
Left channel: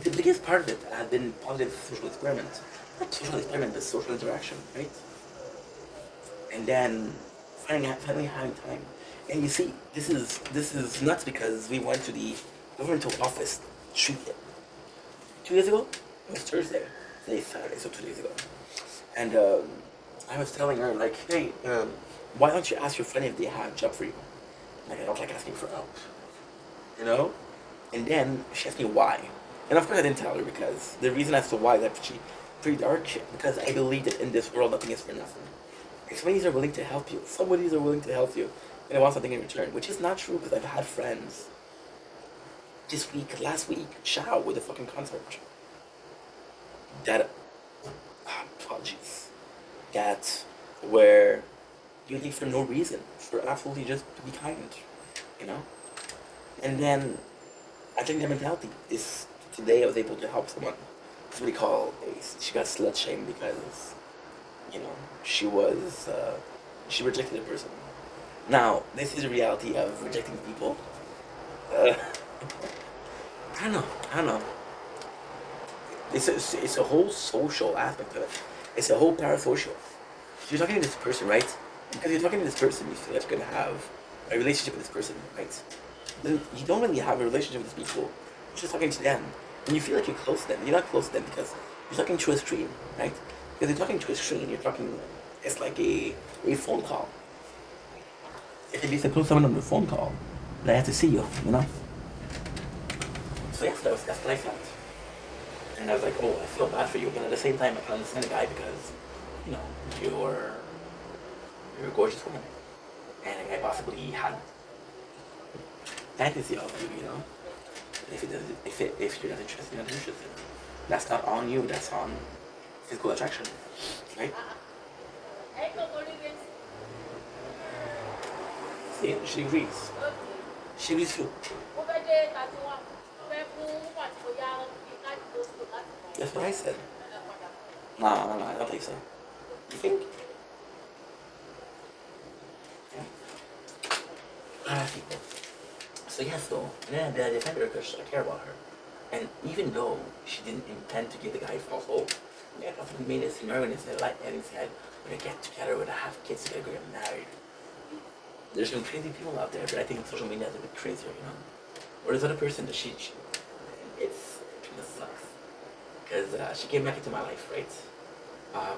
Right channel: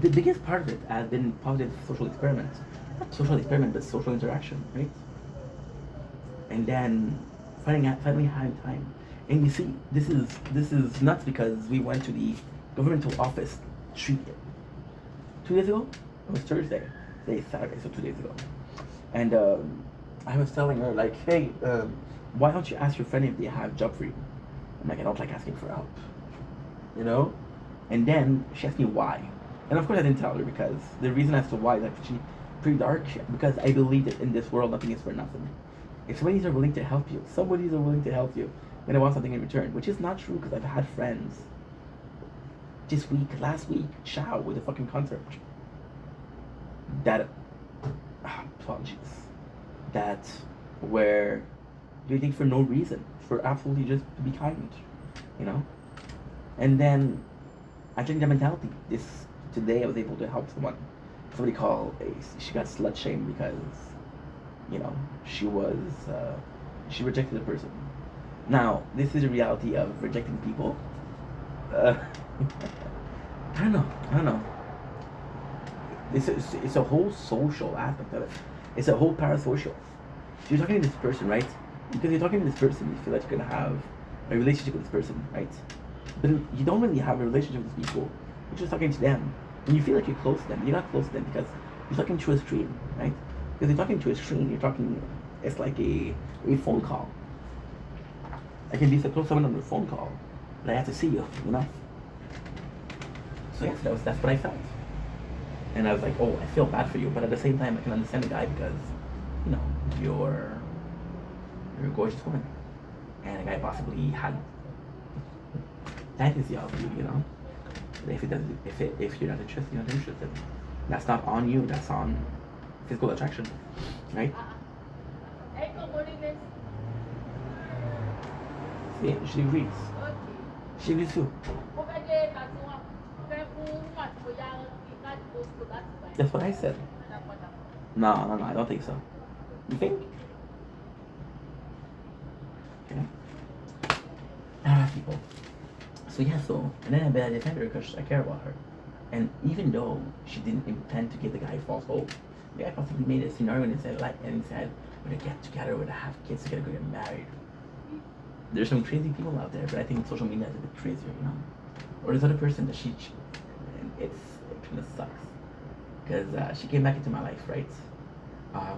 The biggest part of it has been positive social experiment. Not social experiment, but social interaction, right? And then finally having time. And you see, this is nuts because we went to the governmental office 2 days ago. It was Thursday. Today is Saturday, so 2 days ago. And I was telling her, like, hey, why don't you ask your friend if they have a job for you? I'm like, I don't like asking for help. And then she asked me why. And of course I didn't tell her, because the reason as to why is actually pretty dark, because I believe that in this world nothing is for nothing. If somebody's are willing to help you, and they want something in return, which is not true, because I've had friends last week, ciao, with a fucking concert. Apologies. That were giving for no reason, for absolutely just to be kind, And then I changed that mentality. Today I was able to help someone. Somebody she got slut shamed because, she rejected a person. Now, this is the reality of rejecting people. I don't know. It's a whole social aspect of it. It's a whole parasocial. So you're talking to this person, right? Because you're talking to this person, you feel that you're gonna have a relationship with this person, right? But you don't really have a relationship with these people. You're just talking to them. And you feel like you're close to them. You're not close to them because you're talking through a screen, right? Because you're talking to a screen, you're talking, it's like a phone call. I can be so close to someone on the phone call that I have to see you, you know? So yes, that's what I felt. And I was like, oh, I feel bad for you, but at the same time, I can understand the guy because, you know, you're a gorgeous woman, and a guy possibly had fantasy of you, you know. But if it doesn't, if you're not interested, you're not interested. That's not on you. That's on physical attraction, right? See, she agrees. She agrees too. That's what I said. No, I don't think so. You think? People. So yeah, and then I defended her because I care about her. And even though she didn't intend to give the guy false hope, the guy possibly made a scenario and said, like Eddie said, we're gonna get together, we're gonna have kids together, we're gonna get married. There's some crazy people out there, but I think social media is a bit crazier, you know? Or this other person that it kind of sucks. Because she came back into my life, right?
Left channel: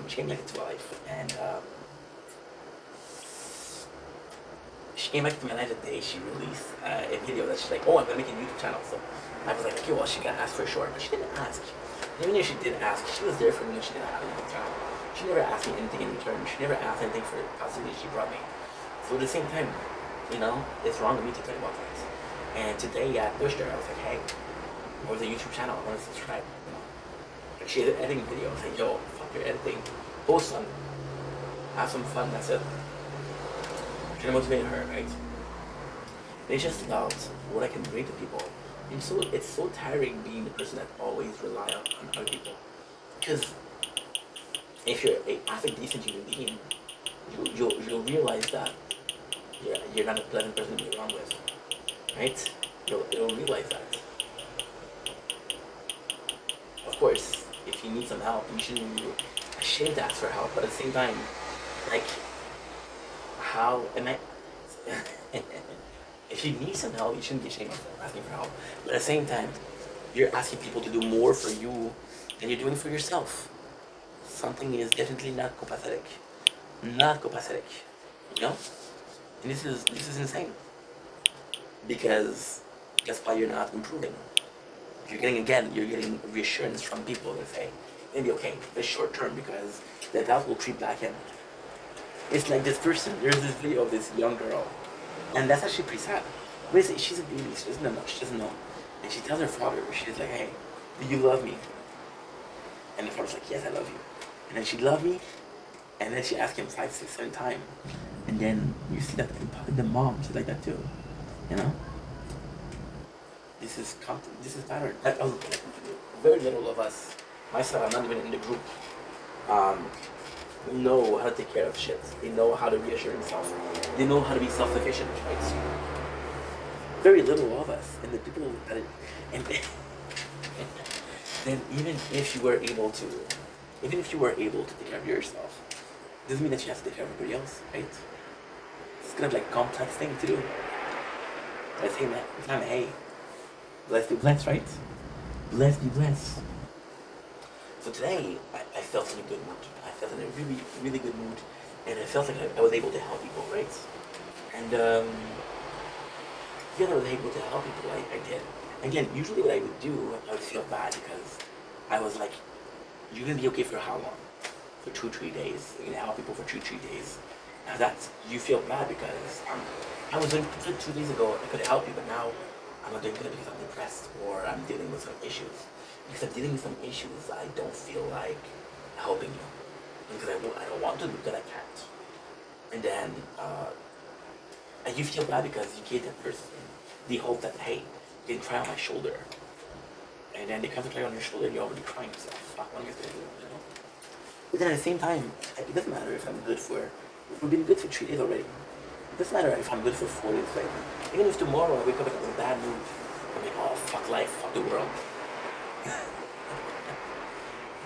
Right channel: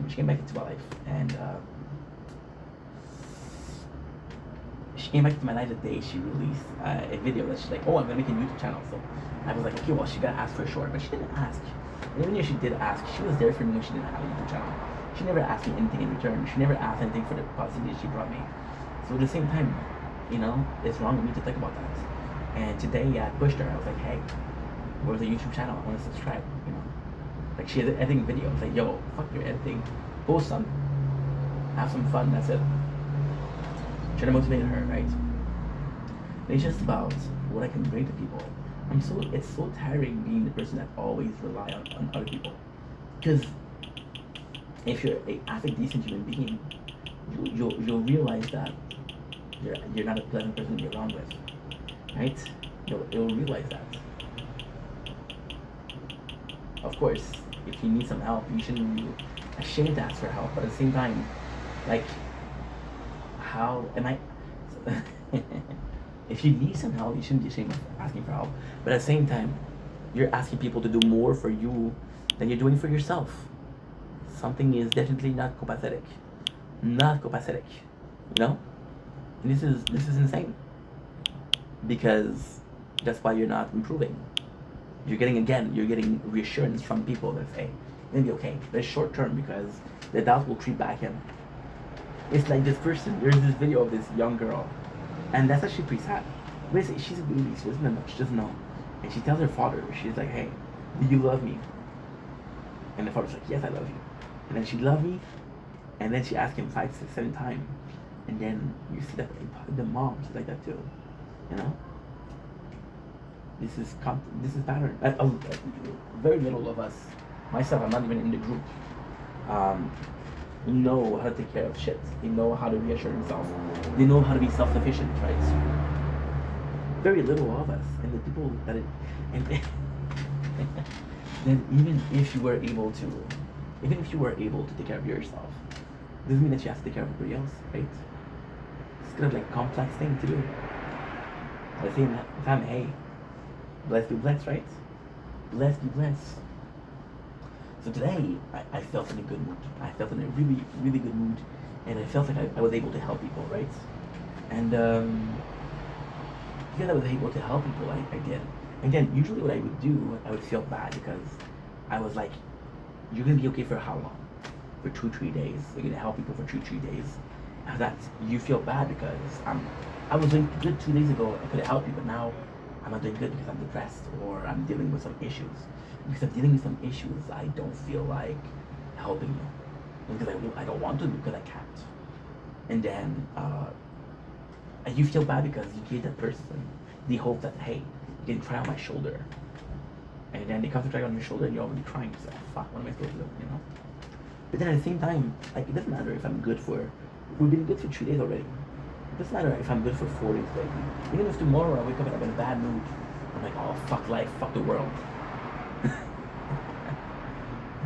She came back into my life, and she came back into my life the day she released a video that she's like, oh, I'm gonna make a YouTube channel. So I was like, okay, well, she gotta ask for sure, but she didn't ask. And even if she did ask, she was there for me when she didn't have a YouTube channel. She never asked me anything in return. She never asked anything for the positivity she brought me. So at the same time, you know, it's wrong of me to think about things. And today I pushed her. I was like, hey, where's the YouTube channel? I want to subscribe. You know, like she had editing videos. I was like, yo, fuck your editing. Post some. Have some fun. That's it. Trying to motivate her, right? And it's just about what I can bring to people. It's so tiring being the person that always rely on other people. Because if you're a half decent human being, you'll realize that you're not a pleasant person to be around with, right? You'll realize that. Of course, if you need some help, you shouldn't be ashamed to ask for help. But at the same time, like, how am I? If you need some help, you shouldn't be ashamed of asking for help. But at the same time, you're asking people to do more for you than you're doing for yourself. Something is definitely not copacetic. Not copacetic. You know? And this is insane. Because that's why you're not improving. You're getting reassurance from people that say, it'll be okay. It's short term because the doubt will creep back in. It's like this person, there's this video of this young girl, and that's actually pretty sad. She's a baby, she doesn't know. And she tells her father, she's like, hey, do you love me? And the father's like, yes, I love you. And then she loved me, and then she asked him 5, 6, 7 times. And then you see that the mom, she's like that too. You know? This is pattern. Very little of us, myself, I'm not even in the group, know how to take care of shit. They know how to reassure themselves. They know how to be self-sufficient, right? Very little of us, and the people that then even if you were able to take care of yourself, doesn't mean that you have to take care of everybody else, right? It's kind of like a complex thing to do. But at the same time, hey, blessed be blessed, right? Blessed be blessed. So today, I felt in a good mood. I felt in a really, really good mood, and I felt like I was able to help people, right? And because I was able to help people, I did. Again, usually what I would do, I would feel bad because I was like, you're gonna be okay for how long? For 2-3 days. You're gonna help people for 2-3 days. Now you feel bad because I was doing good 2 days ago. I could have helped you, but now I'm not doing good because I'm depressed or I'm dealing with some issues. Because I'm dealing with some issues, I don't feel like helping you. Because I don't want to, because I can't. And then you feel bad because you gave that person the hope that, hey, you can cry on my shoulder. And then they come to cry on your shoulder and you're already crying. So, fuck, what am I supposed to do, you know? But then at the same time, it doesn't matter if I'm good we've been good for 3 days already. It doesn't matter if I'm good for 4 days later. Even if tomorrow I wake up and I'm in a bad mood, I'm like, oh, fuck life, fuck the world.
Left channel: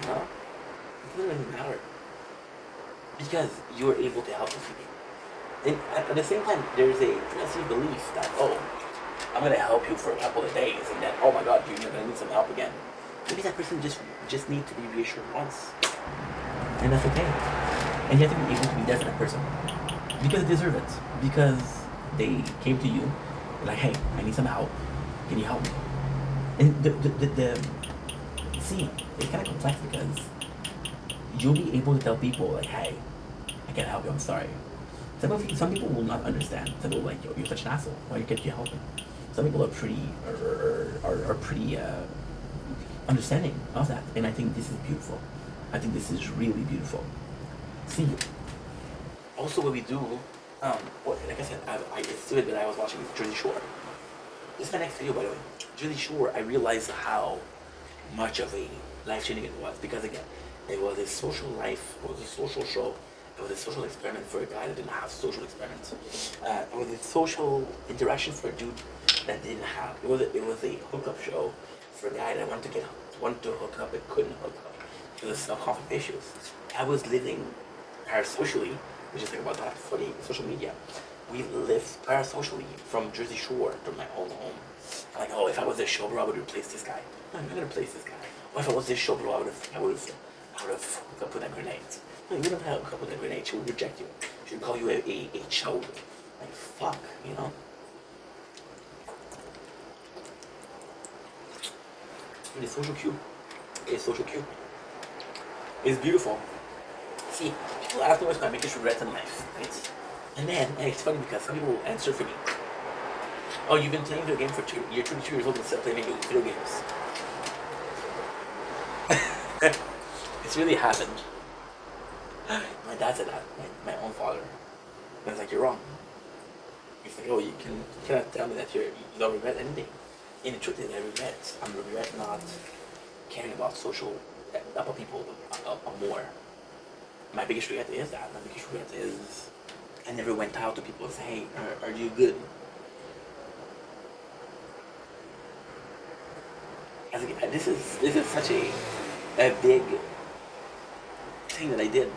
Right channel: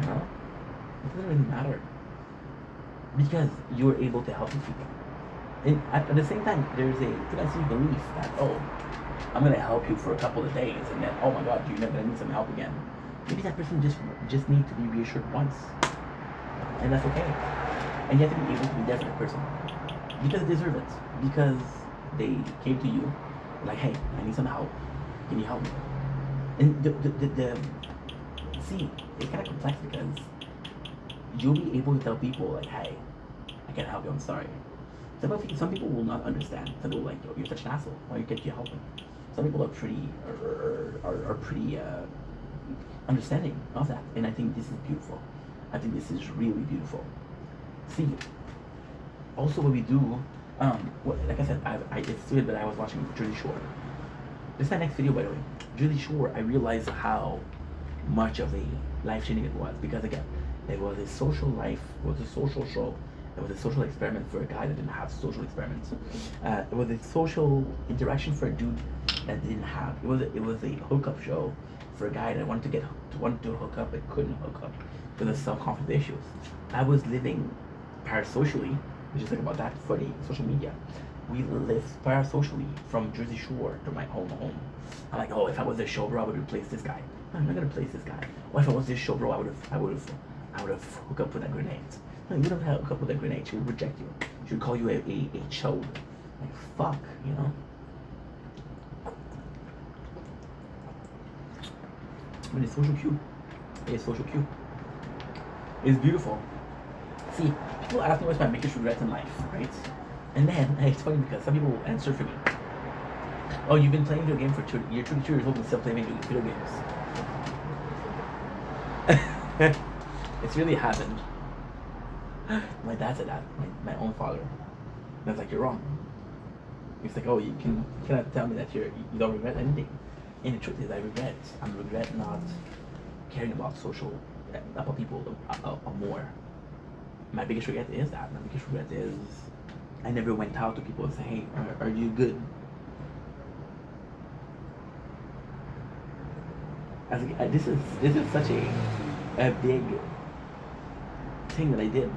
No, it doesn't even matter. Because you're able to help these people. And at the same time, there's a tendency belief that, oh, I'm going to help you for a couple of days, and then, oh my God, you're going to need some help again. Maybe that person just needs to be reassured once. and that's okay. And you have to be able to be there for that person because they deserve it. Because they came to you, like, hey, I need some help. Can you help me? And the see, it's kind of complex because you'll be able to tell people like, hey, I can't help you. I'm sorry. Some people will not understand. Some people like, yo, you're such an asshole. Why can't you help me? Some people are pretty are pretty understanding of that, and I think this is beautiful. I think this is really beautiful. See, also what we do, like I said, it's stupid, but I was watching Jersey Shore. This is my next video, by the way. Jersey Shore. I realized how much of a life changing it was because again, it was a social life. It was a social show. It was a social experiment for a guy that didn't have social experiments. It was a social interaction for a dude that didn't have. It was a hookup show for a guy that wanted to hook up but couldn't hook up because of self-conflict issues. I was living parasocially, which is like about that for the social media. We lived parasocially from Jersey Shore to my own home. I'm like, oh, if I was this show bro, I would replace this guy. No, I'm not gonna replace this guy. Or if I was this show bro, I would have hooked up with a grenade. No, you don't hook up with a grenade. She would reject you. She would call you a chode. Like fuck, you know. But it's social cue. It's social cue. It's beautiful. See, people ask me what's my biggest regret in life, right? And then it's funny because some people answer for me. Oh, you've been playing video game for you're 22 years old and still playing video games. It's really happened. My dad said that, my own father. And I was like, you're wrong. He's like, oh, you cannot tell me that you don't regret anything. And the truth is, I regret not caring about about people more. My biggest regret is that. My biggest regret is I never went out to people and say, hey, are you good? I think this is such a big thing that I did.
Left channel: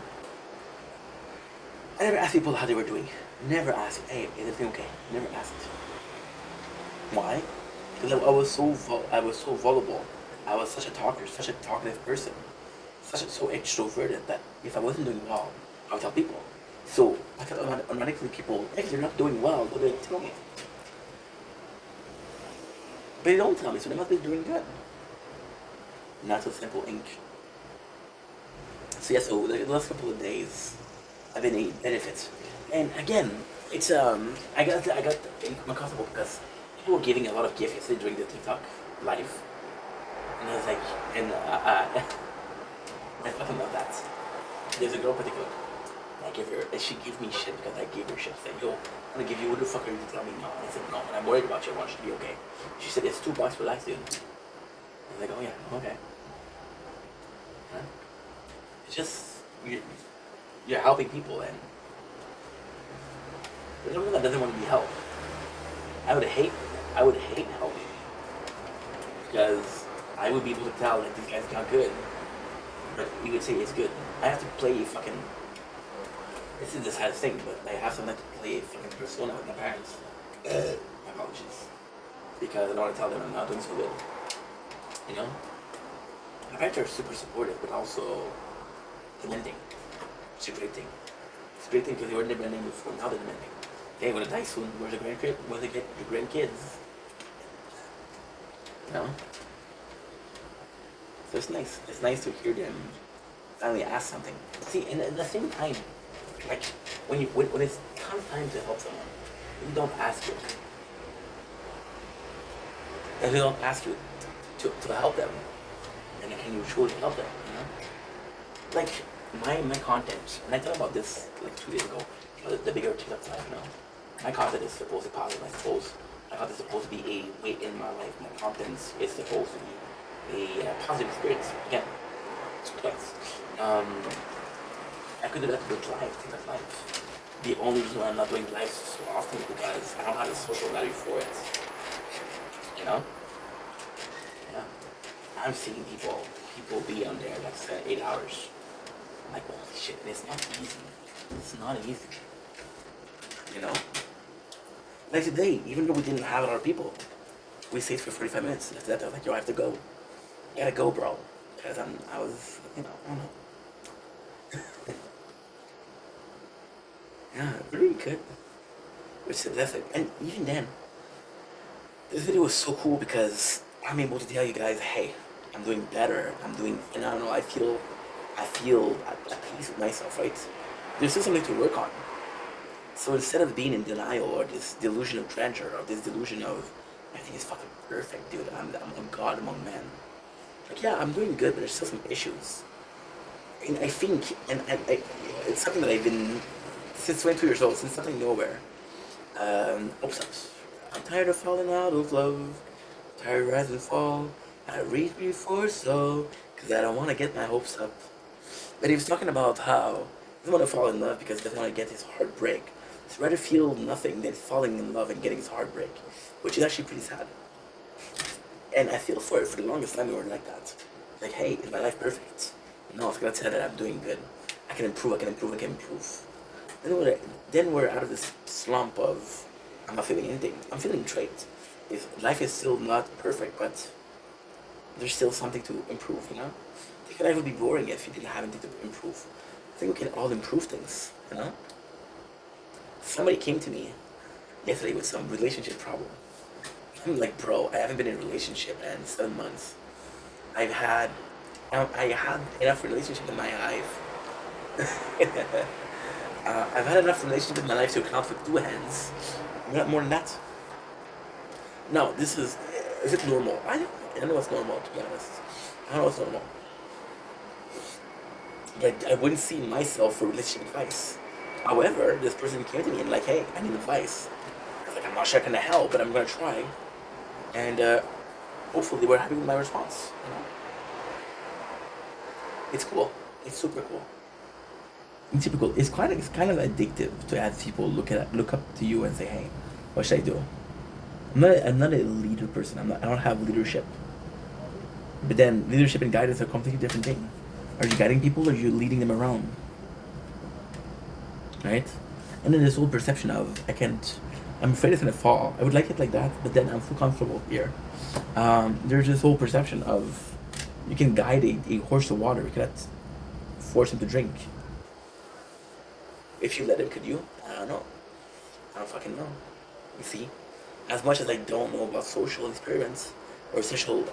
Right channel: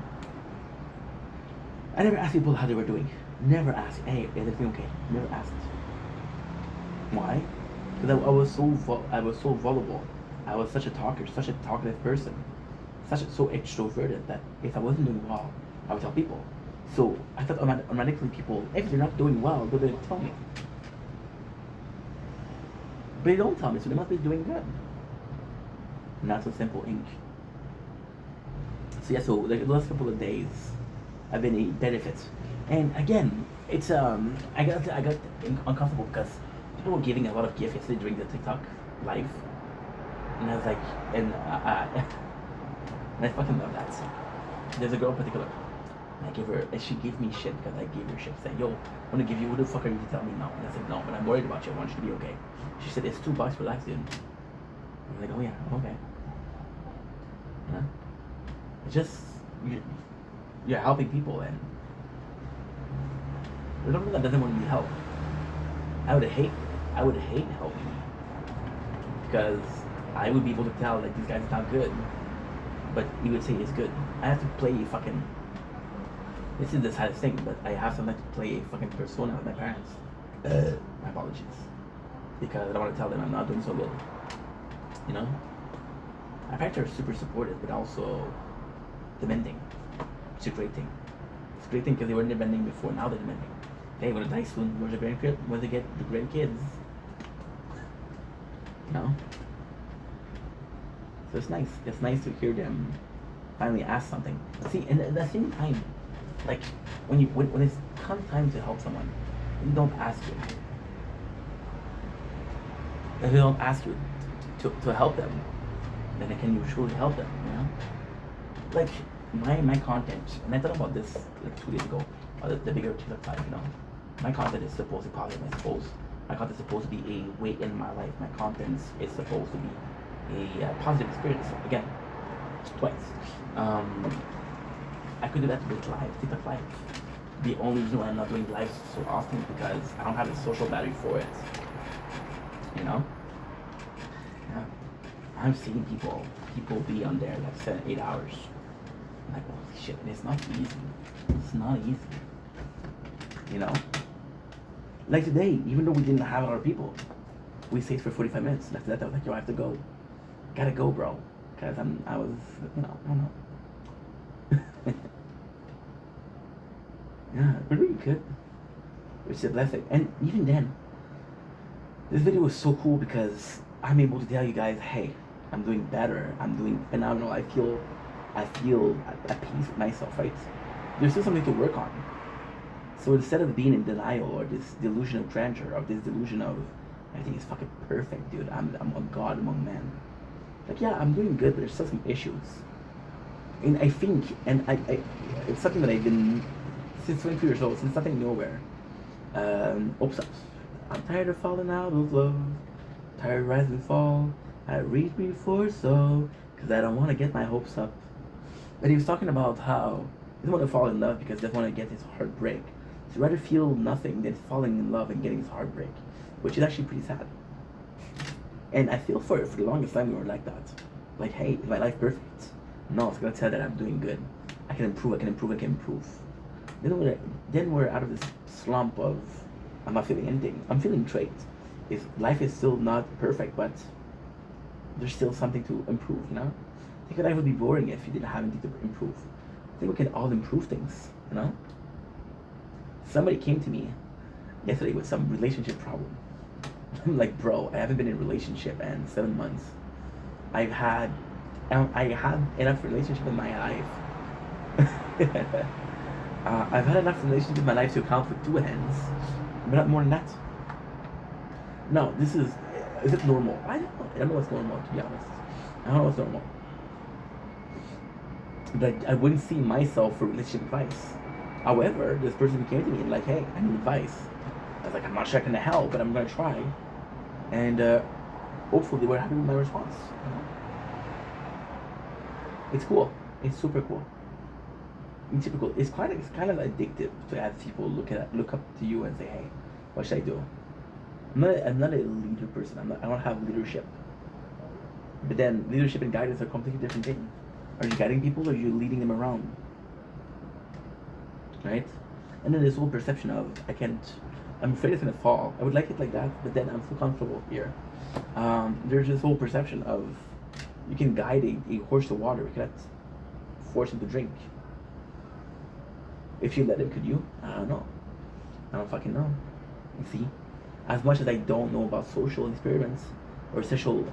I never asked people how they were doing. Never asked, hey, is everything okay? Never asked. Why? Because I was so vulnerable. I was such a talker, such a talkative person, so extroverted that if I wasn't doing well, I would tell people. So I thought automatically people, if they're not doing well, they're going to tell me. But they don't tell me, so they must be doing good. Not so simple, ink. So yeah, so the last couple of days, I've been eating benefits, and again, it's I got uncomfortable because people were giving a lot of gifts yesterday during the TikTok live, and I was like, and I fucking love that. There's a girl in particular. I give her, and she gave me shit because I gave her shit. Saying, yo, I want to give you, what the fuck are you to tell me no? And I said, no, and I'm worried about you. I want you to be okay. She said, it's $2, relax, dude. I was like, oh yeah, okay. Yeah. It's just, you're helping people, and there's no one that doesn't want to be helped. I would hate helping because I would be able to tell that this guy's not good, but he would say it's good. I have to play fucking. This is the saddest thing, but I have something to play a fucking persona with my parents. My apologies, because I don't want to tell them I'm not doing so good. You know, my parents are super supportive, but also demanding. It's a great thing. It's a great thing because they weren't demanding before. Now they're demanding. Hey, we're gonna die soon. Where's the grandkid? Where's the grandkids? You know. So it's nice. It's nice to hear them finally ask something. See, and at the same time, like when it's comes time to help someone, you don't ask you. If you don't ask you to help them, then can you truly help them? You know, like my content. When I thought about this like 2 days ago, the bigger TikTok life, you know, my content is supposed to be positive. I suppose my content is supposed to be a way in my life. My content is supposed to be a positive experience. Again, twice. I could do that with live, TikTok live. The only reason why I'm not doing live so often is because I don't have the social value for it. You know? Yeah. I'm seeing people be on there like 7-8 hours. I'm like, holy shit, and it's not easy. It's not easy. You know? Like today, even though we didn't have a lot of people, we stayed for 45 minutes. And after that, I was like, yo, I have to go. Gotta go, bro. Because I was, you know, I don't know. doing good, which is a blessing. And even then, this video was so cool because I'm able to tell you guys, hey, I'm doing better. I'm doing phenomenal. I feel at peace with myself, right? There's still something to work on. So instead of being in denial or this delusion of grandeur or this delusion of everything is fucking perfect, dude. I'm God among men. Like, yeah, I'm doing good, but there's still some issues. And I think, it's something that I've been since 22 years old, since something nowhere. Oops, I'm tired of falling out of love, tired of rise and fall. I reach before so, cause I don't want to get my hopes up. But he was talking about how he doesn't want to fall in love because he doesn't want to get his heart break. So he'd rather feel nothing than falling in love and getting his heart break, which is actually pretty sad. And I feel for the longest time we were like that. Like, hey, is my life perfect? No, it's gonna tell that I'm doing good. I can improve, I can improve, I can improve. Then we're out of this slump of I'm not feeling anything. I'm feeling great. If life is still not perfect, but there's still something to improve, you know? I think life would be boring if you didn't have anything to improve. I think we can all improve things, you know? Somebody came to me yesterday with some relationship problem. I'm like, bro, I haven't been in a relationship in 7 months. I had enough relationship in my life. I've had enough relationship in my life to count with 2 hands. But not more than that. No, is it normal? I don't know. I don't know what's normal, to be honest. I don't know what's normal. But I wouldn't see myself for relationship advice. However, this person came to me and like, hey, I need advice. I was like, I'm not sure I can help, but I'm gonna try. And hopefully they were happy with my response. You know? It's cool. It's super cool. It's typical. It's kind of addictive to have people look up to you and say, hey, what should I do? I'm not a leader person. I don't have leadership. But then leadership and guidance are completely different thing. Are you guiding people or are you leading them around? Right? And then this whole perception of I'm afraid it's gonna fall. I would like it like that, but then I'm so comfortable here. There's this whole perception of you can guide a horse to water, you cannot force him to drink. If you let him, could you? I don't know. I don't fucking know. You see? As much as I don't know about social experiments or social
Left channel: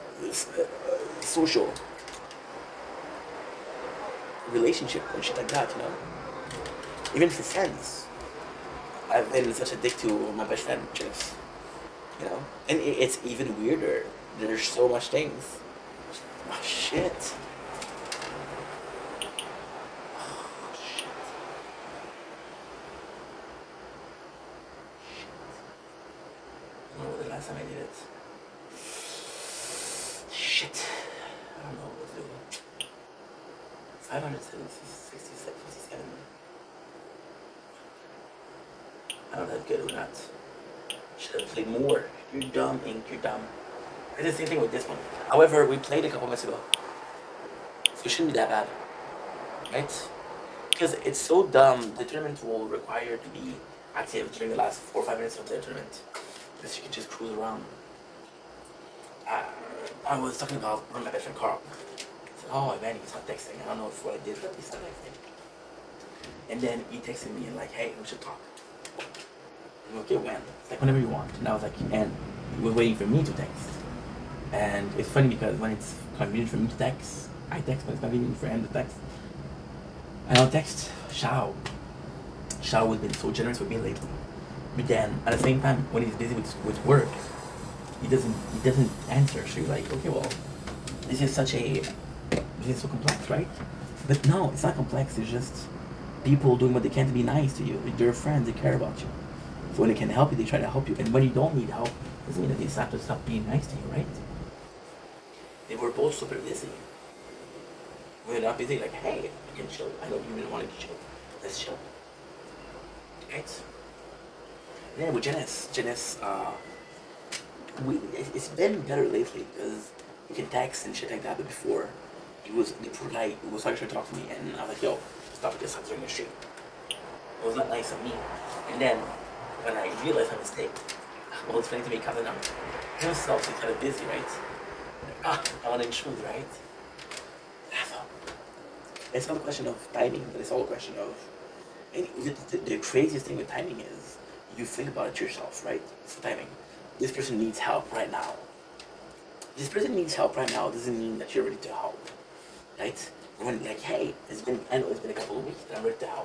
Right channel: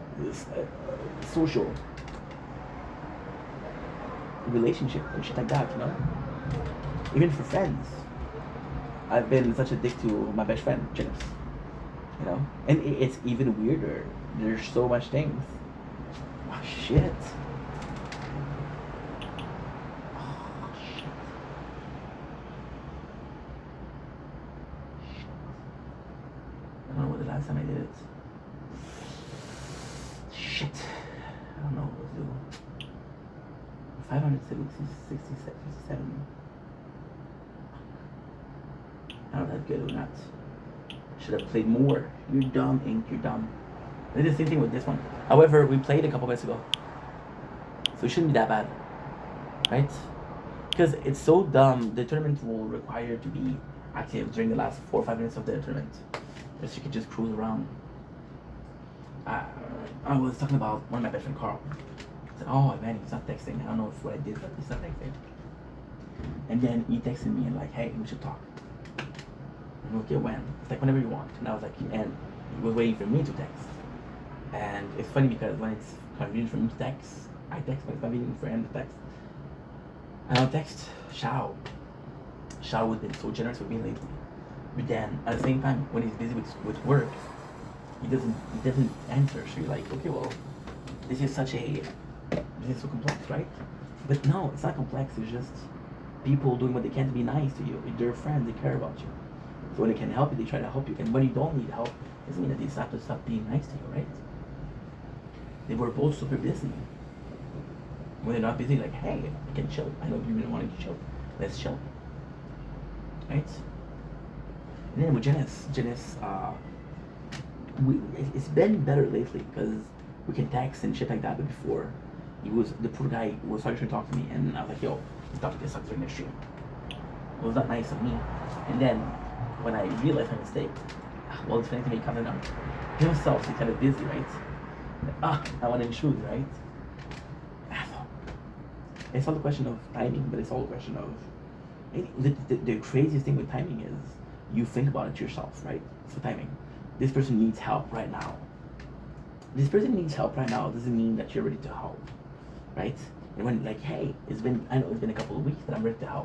relationship and shit like that, you know? Even for friends. I've been such a dick to my best friend, Janice. You know? And it's even weirder. There's so much things. Oh, shit. I don't know what the last time I did it. Shit. I don't know what to do. 567. I don't know if that's good or not. Should have played more. You're dumb, Ink. You're dumb. I did the same thing with this one. However, we played a couple minutes ago. So it shouldn't be that bad. Right? Because it's so dumb, the tournament will require to be active during the last 4 or 5 minutes of the tournament. Because you can just cruise around. I was talking about one of my best friend, Carl. I said, oh man, he's not texting. I don't know if what I did, but he's not texting. And then he texted me and like, hey, we should talk. I'm like, okay, when? It's like whenever you want. And I was like, and he was waiting for me to text. And it's funny because when it's convenient for me to text, I text, but it's convenient for him to text. And I'll text Shao. Shao has been so generous with me lately. But then at the same time, when he's busy with work, he doesn't answer. So you're like, okay, well, this is so complex, right? But no, it's not complex. It's just people doing what they can to be nice to you. They're friends. They care about you. So when they can help you, they try to help you. And when you don't need help, doesn't mean that they have to stop being nice to you, right? They were both super busy. When they're not busy, like, hey, you can chill. I know you didn't want to chill. Let's chill. Right? And then with Janice, it's been better lately because we can text and shit like that. But before, the poor guy was trying to talk to me, and I was like, yo, stop this during the stream. It was not nice of me. And then when I realized my mistake, well, it's funny to me coming up. Himself, he's kind of busy, right? Like, I want to intrude, right? It's all a question of timing, but it's all a question of And the craziest thing with timing is you think about it yourself, right? So timing. This person needs help right now. This person needs help right now doesn't mean that you're ready to help, right? And when like, hey, I know it's been a couple of weeks that I'm ready to help.